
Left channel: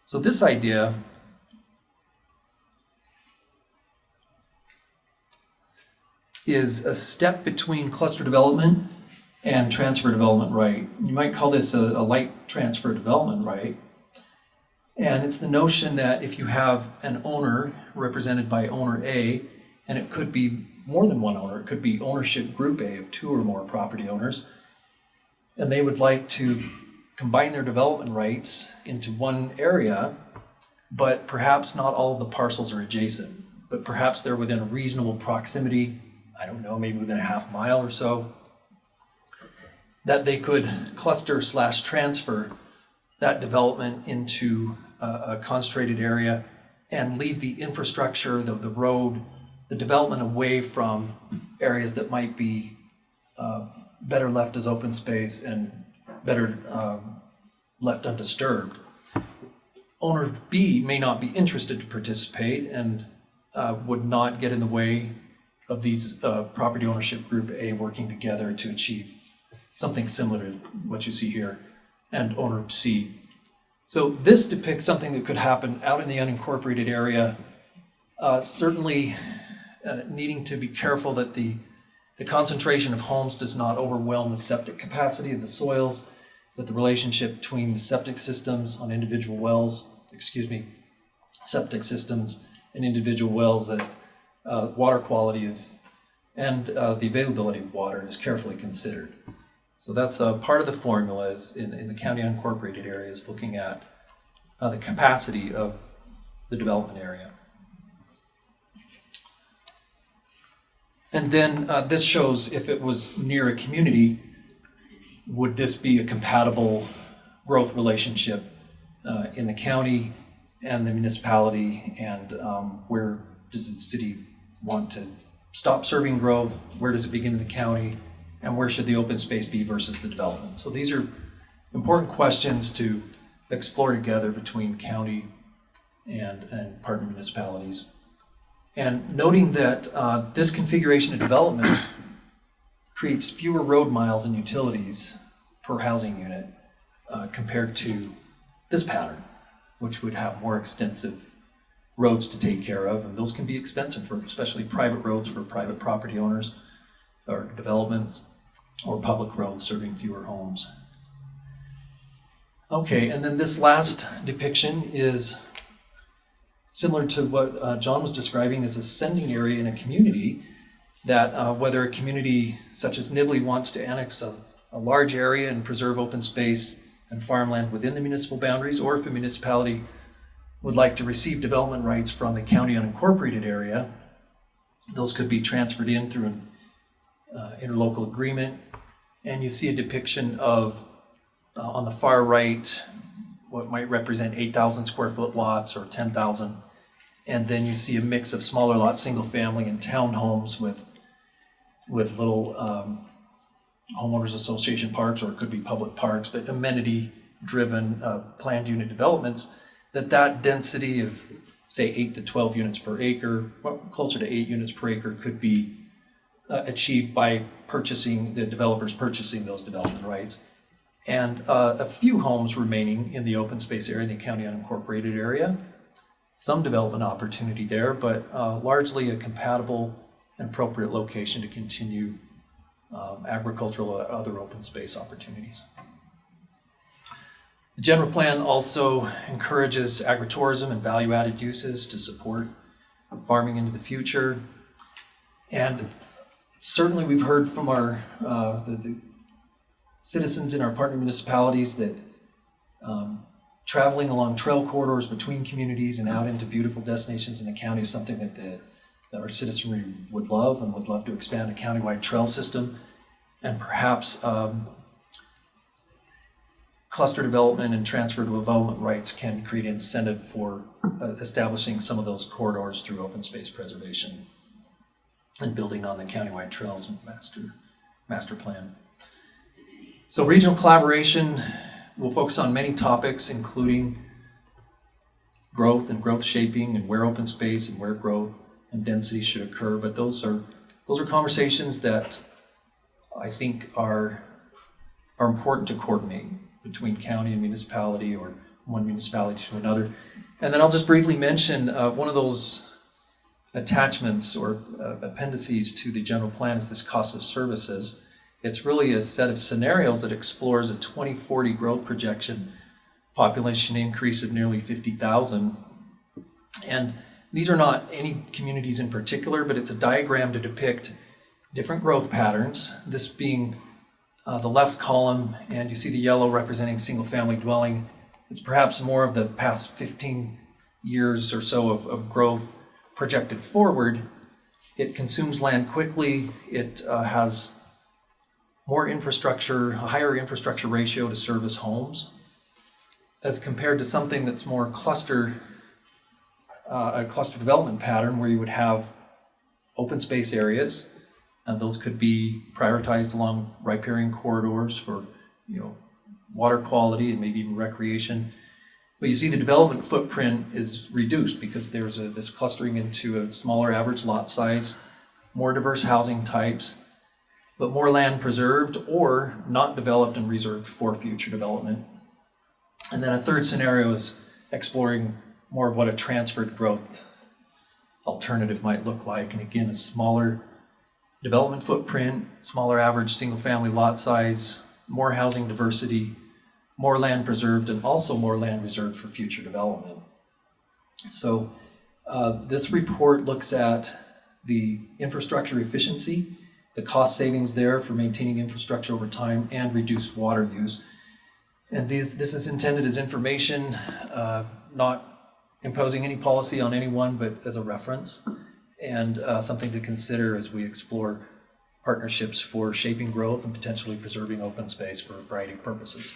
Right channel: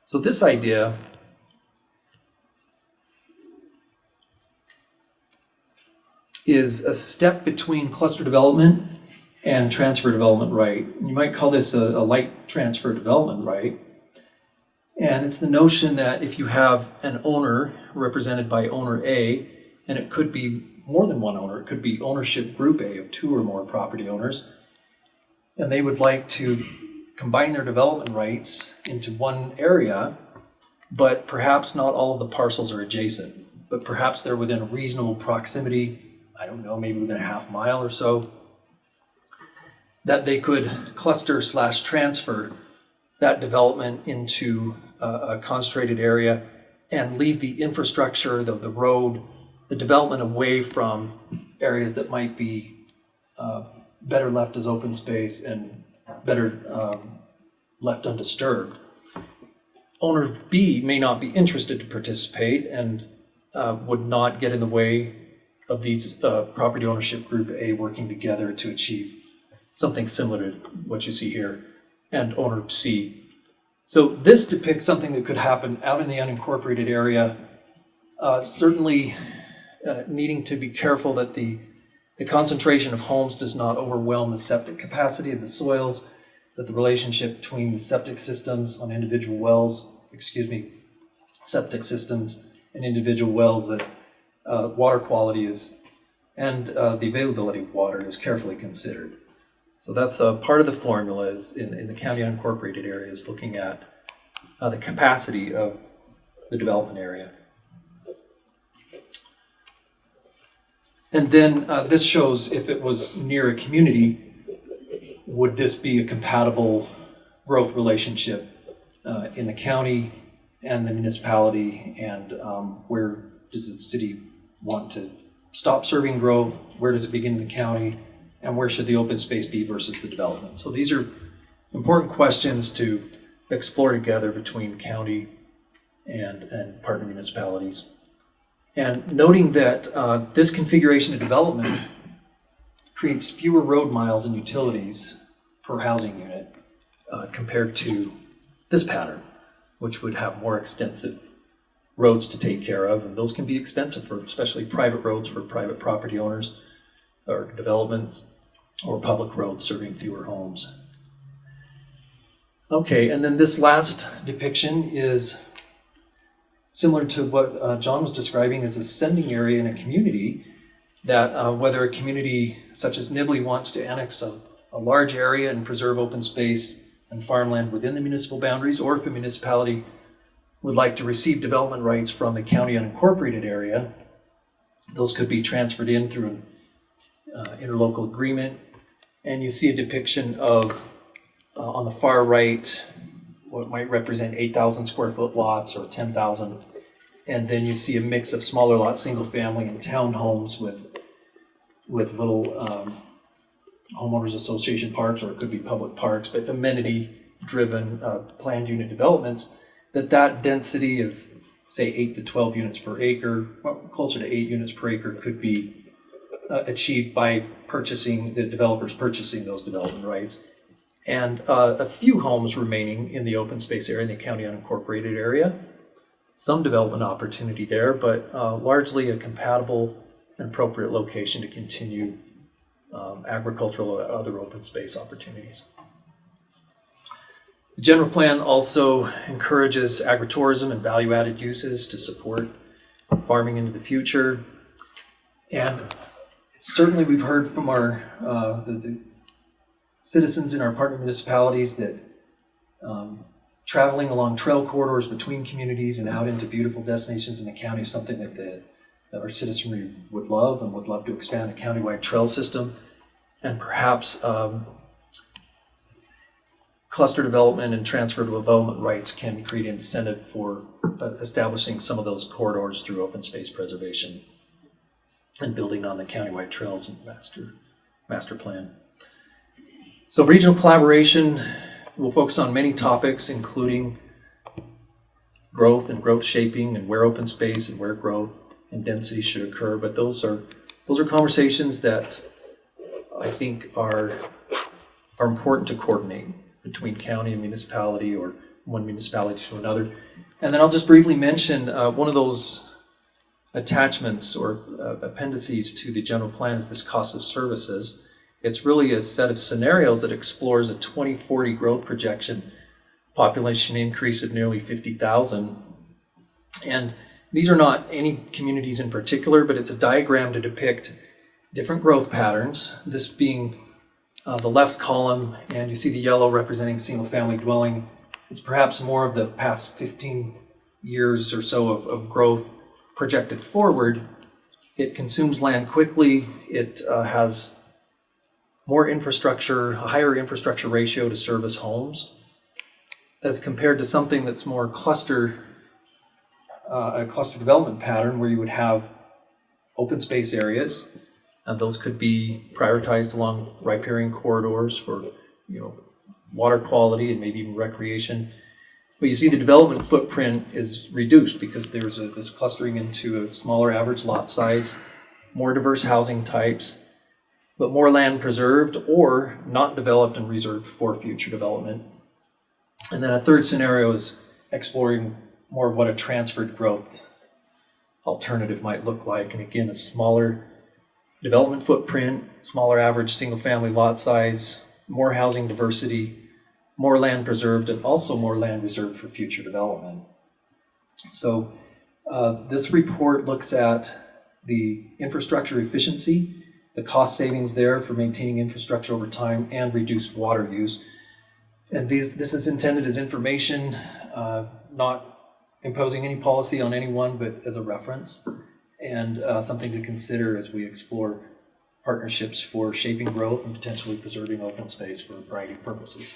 So this idea is a step between cluster development and transfer development right. You might call this a light transfer development right. And it's the notion that if you have an owner represented by owner A, and it could be more than one owner, it could be ownership group A of 2 or more property owners, and they would like to combine their development rights into one area, but perhaps not all of the parcels are adjacent, but perhaps they're within a reasonable proximity, maybe within a half mile or so, that they could cluster/transfer that development into a concentrated area and leave the infrastructure, the road, the development away from areas that might be better left as open space and better left undisturbed. Owner B may not be interested to participate and would not get in the way of these property ownership group A working together to achieve something similar to what you see here, and owner C. So this depicts something that could happen out in the unincorporated area, certainly needing to be careful that the concentration of homes does not overwhelm the septic capacity of the soils, that the relationship between the septic systems on individual wells, septic systems and individual wells, that water quality is, and the availability of water is carefully considered. So that's part of the formula is in the county unincorporated areas, looking at the capacity of the development area. And then this shows if it was near a community, would this be a compatible growth relationship in the county and the municipality, and where does the city want to stop serving growth? Where does it begin in the county? And where should the open space be versus the development? So these are important questions to explore together between county and partner municipalities. And noting that this configuration of development creates fewer road miles and utilities per housing unit compared to this pattern, which would have more extensive roads to take care of, and those can be expensive for especially private roads for private property owners or developments, or public roads serving fewer homes. Okay, and then this last depiction is similar to what John was describing as a sending area in a community, that whether a community such as Nibley wants to annex a large area and preserve open space and farmland within the municipal boundaries, or if a municipality would like to receive development rights from the county unincorporated area, those could be transferred in through an interlocal agreement. And you see a depiction of, on the far right, what might represent 8,000 square foot lots or 10,000. And then you see a mix of smaller lots, single family and townhomes with little homeowners association parks, or it could be public parks, but amenity driven planned unit developments, that density of say 8 to 12 units per acre, well, closer to 8 units per acre, could be achieved by the developers purchasing those development rights. And a few homes remaining in the open space area, in the county unincorporated area. Some development opportunity there, but largely a compatible and appropriate location to continue agricultural or other open space opportunities. The general plan also encourages agritourism and value-added uses to support farming into the future. And certainly we've heard from our the citizens in our partner municipalities that traveling along trail corridors between communities and out into beautiful destinations in the county is something that our citizenry would love, and would love to expand a countywide trail system. And perhaps cluster development and transferable development rights can create incentive for establishing some of those corridors through open space preservation and building on the countywide trails and master plan. So regional collaboration will focus on many topics, including growth and growth shaping, and where open space and where growth and density should occur. But those are conversations that I think are important to coordinate between county and municipality, or one municipality to another. And then I'll just briefly mention one of those attachments or appendices to the general plan is this cost of services. It's really a set of scenarios that explores a 2040 growth projection, population increase of nearly 50,000. And these are not any communities in particular, but it's a diagram to depict different growth patterns. This being the left column, and you see the yellow representing single family dwelling. It's perhaps more of the past 15 years or so of growth projected forward. It consumes land quickly. It has more infrastructure, a higher infrastructure ratio to service homes, as compared to something that's more a cluster development pattern, where you would have open space areas, and those could be prioritized along riparian corridors for, water quality and maybe even recreation. But you see the development footprint is reduced because there's this clustering into a smaller average lot size, more diverse housing types, but more land preserved or not developed and reserved for future development. And then a third scenario is exploring more of what a transferred growth alternative might look like. And again, a smaller development footprint, smaller average single family lot size, more housing diversity, more land preserved, and also more land reserved for future development. So this report looks at the infrastructure efficiency, the cost savings there for maintaining infrastructure over time, and reduced water use. And this is intended as information, not imposing any policy on anyone, but as a reference, and something to consider as we explore partnerships for shaping growth and potentially preserving open space for a variety of purposes.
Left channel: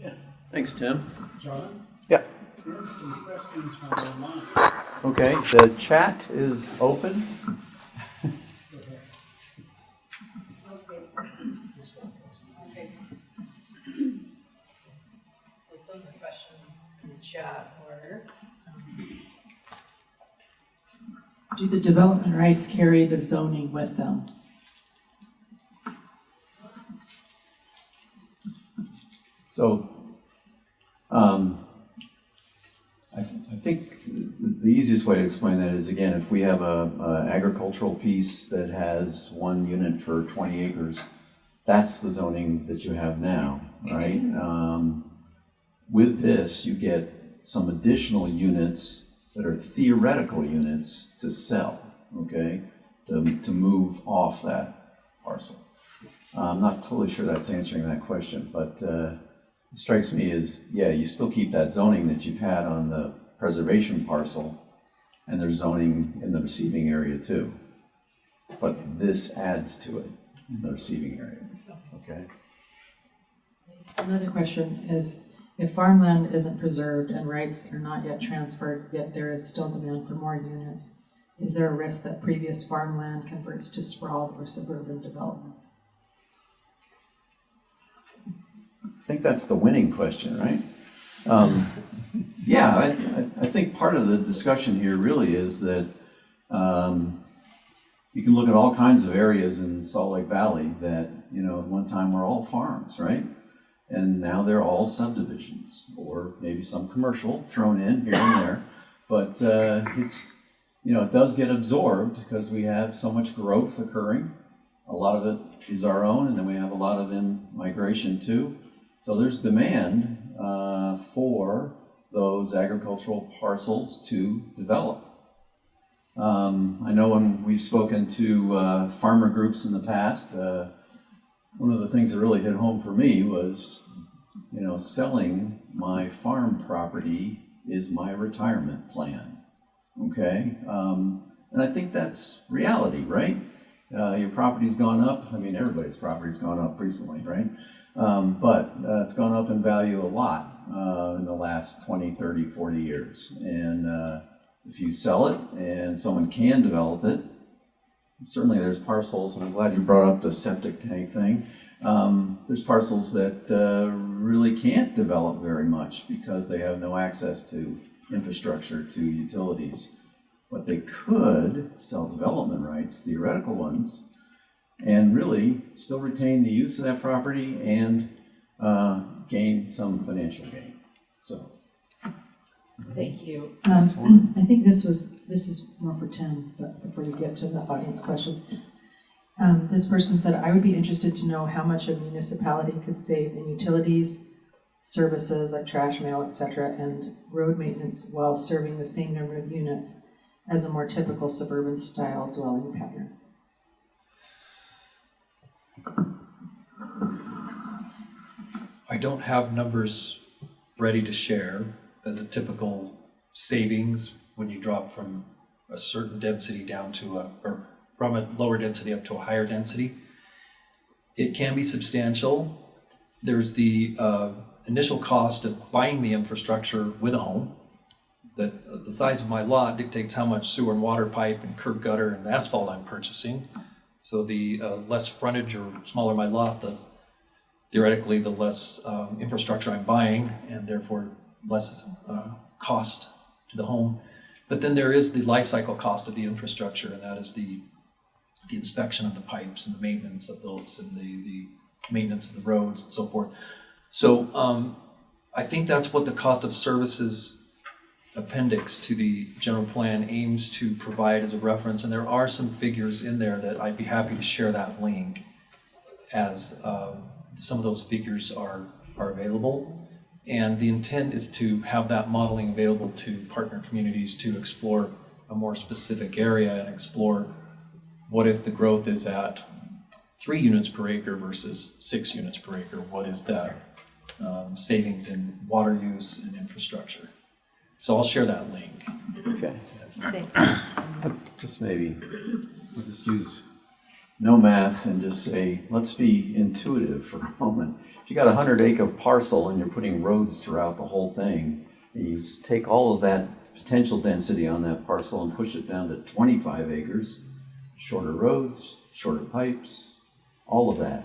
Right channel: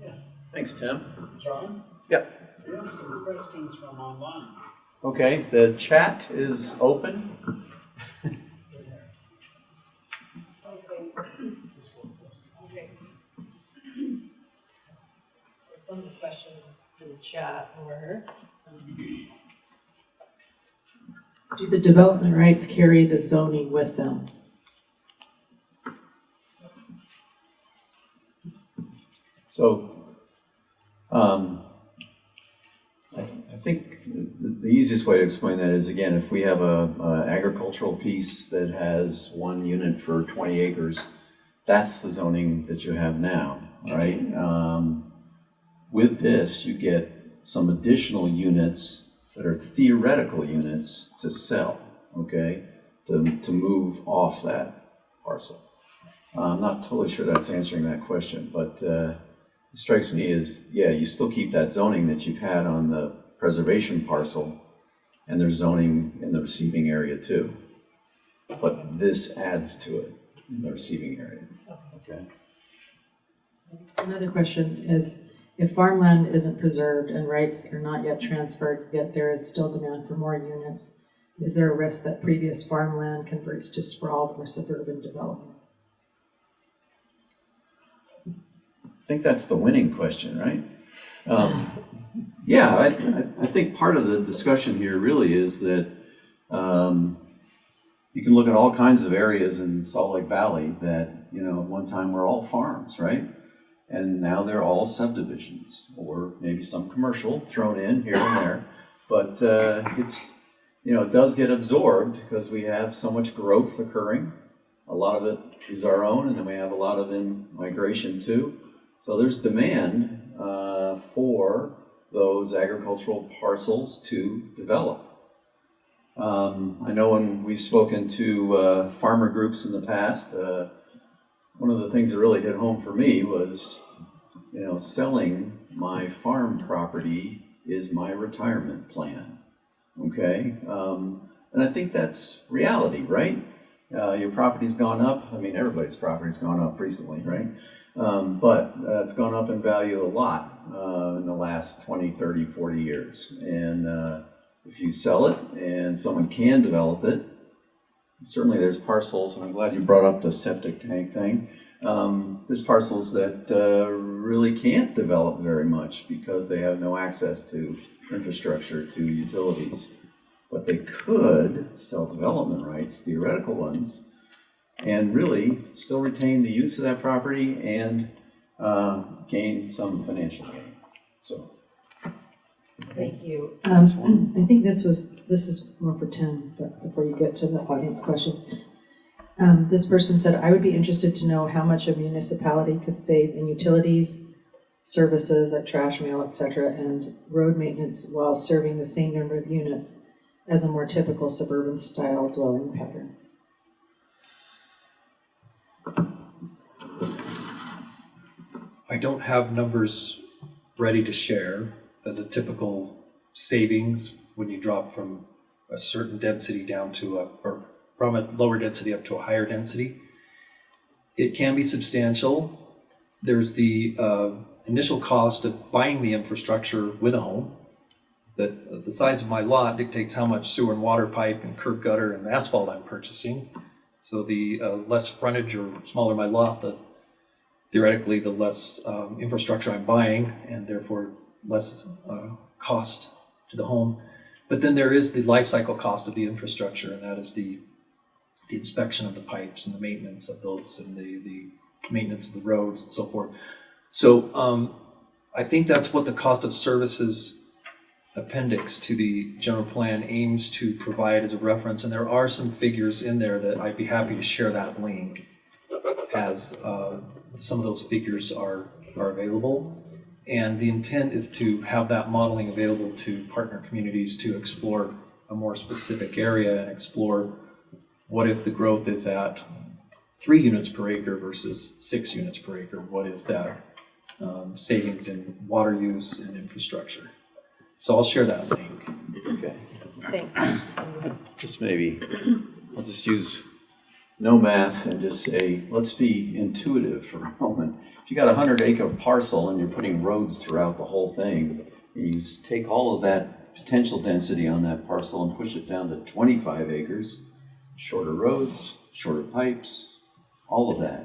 Yeah, thanks, Tim. John? Yep. We have some questions from online. Okay, the chat is open. Okay. So some of the questions in the chat were, do the development rights carry the zoning with them? So, I think the easiest way to explain that is, again, if we have a agricultural piece that has 1 unit for 20 acres, that's the zoning that you have now, right? With this, you get some additional units that are theoretical units to sell, okay? To move off that parcel. I'm not totally sure that's answering that question, but strikes me as, yeah, you still keep that zoning that you've had on the preservation parcel, and there's zoning in the receiving area too. But this adds to it in the receiving area, okay? Another question is, if farmland isn't preserved and rights are not yet transferred, yet there is still demand for more units, is there a risk that previous farmland converts to sprawled or suburban development? I think that's the winning question, right? Yeah, I think part of the discussion here really is that you can look at all kinds of areas in Salt Lake Valley that, you know, at one time were all farms, right? And now they're all subdivisions, or maybe some commercial thrown in here and there. But it's, you know, it does get absorbed because we have so much growth occurring. A lot of it is our own, and then we have a lot of in-migration too. So there's demand for those agricultural parcels to develop. I know when we've spoken to farmer groups in the past, one of the things that really hit home for me was, you know, selling my farm property is my retirement plan, okay? And I think that's reality, right? Your property's gone up. I mean, everybody's property's gone up recently, right? But it's gone up in value a lot in the last 20, 30, 40 years. And if you sell it and someone can develop it, certainly there's parcels, and I'm glad you brought up the septic tank thing. There's parcels that really can't develop very much because they have no access to infrastructure, to utilities. But they could sell development rights, theoretical ones, and really still retain the use of that property and gain some financial gain. So. Thank you. I think this is more for Tim, but before you get to the audience questions. This person said, I would be interested to know how much a municipality could save in utilities, services like trash, mail, etc., and road maintenance while serving the same number of units as a more typical suburban style dwelling pattern. I don't have numbers ready to share as a typical savings when you drop from a certain density down to or from a lower density up to a higher density. It can be substantial. There's the initial cost of buying the infrastructure with a home. That the size of my lot dictates how much sewer and water pipe and curb gutter and asphalt I'm purchasing. So the less frontage or smaller my lot, theoretically the less infrastructure I'm buying, and therefore less cost to the home. But then there is the life cycle cost of the infrastructure, and that is the inspection of the pipes and the maintenance of those and the maintenance of the roads and so forth. So I think that's what the cost of services appendix to the general plan aims to provide as a reference, and there are some figures in there that I'd be happy to share that link as some of those figures are available. And the intent is to have that modeling available to partner communities to explore a more specific area and explore what if the growth is at 3 units per acre versus 6 units per acre. What is that savings in water use and infrastructure? So I'll share that link. Okay. Thanks. Just maybe, I'll just use no math and just say, let's be intuitive for a moment. If you got a 100-acre parcel and you're putting roads throughout the whole thing, and you take all of that potential density on that parcel and push it down to 25 acres, shorter roads, shorter pipes, all of that.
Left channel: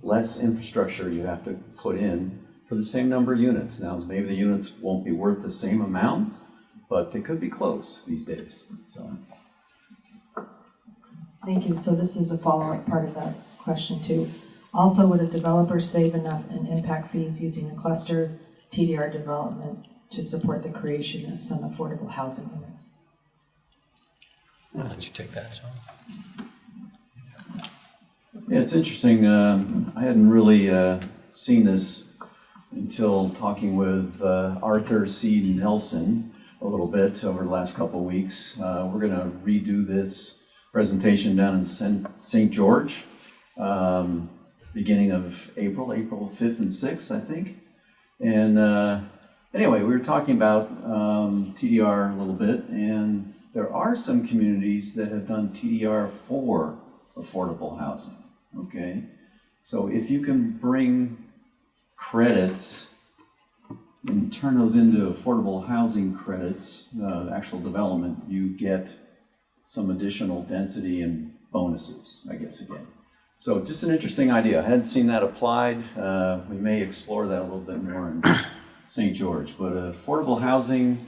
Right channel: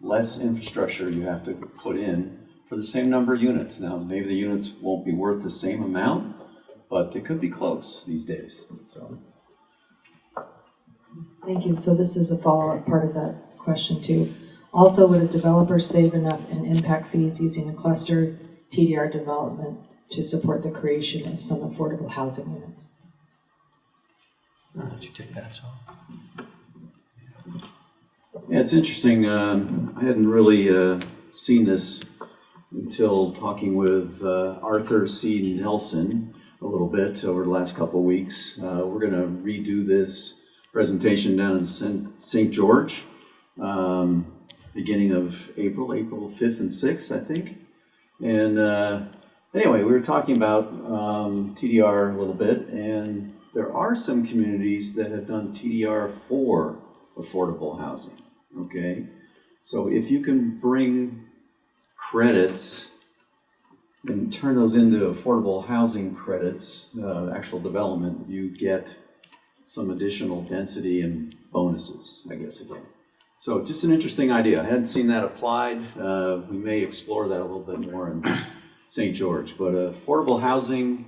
Less infrastructure you have to put in for the same number of units. Now, maybe the units won't be worth the same amount, but they could be close these days. So. Thank you. So this is a follow-up part of that question too. Also, would a developer save enough in impact fees using a cluster TDR development to support the creation of some affordable housing units? Why don't you take that, John? Yeah, it's interesting. I hadn't really seen this until talking with Arthur C. Nelson a little bit over the last couple of weeks. We're going to redo this presentation down in St. George, beginning of April 5th and 6th, I think. And anyway, we were talking about TDR a little bit, and there are some communities that have done TDR for affordable housing, okay? So if you can bring credits and turn those into affordable housing credits, actual development, you get some additional density and bonuses, I guess, again. So just an interesting idea. I hadn't seen that applied. We may explore that a little bit more in St. George. But affordable housing,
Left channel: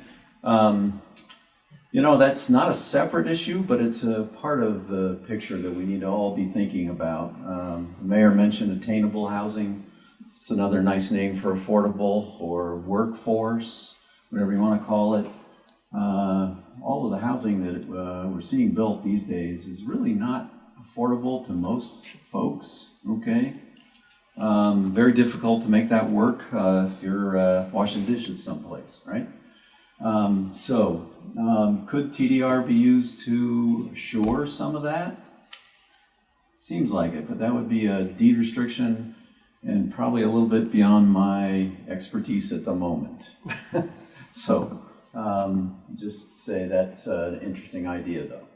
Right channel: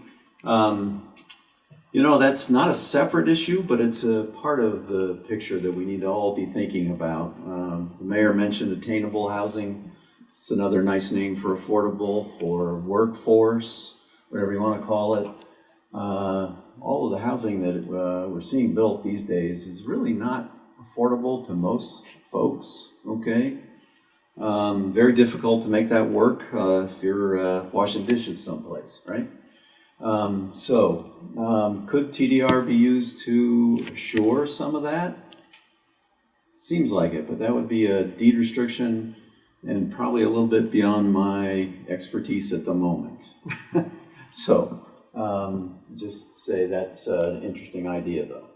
that's not a separate issue, but it's a part of the picture that we need to all be thinking about. The mayor mentioned attainable housing. It's another nice name for affordable or workforce, whatever you want to call it. All of the housing that we're seeing built these days is really not affordable to most folks, okay? Very difficult to make that work if you're washing dishes someplace, right? Could TDR be used to assure some of that? Seems like it, but that would be a deed restriction and probably a little bit beyond my expertise at the moment. Just say that's an interesting idea though.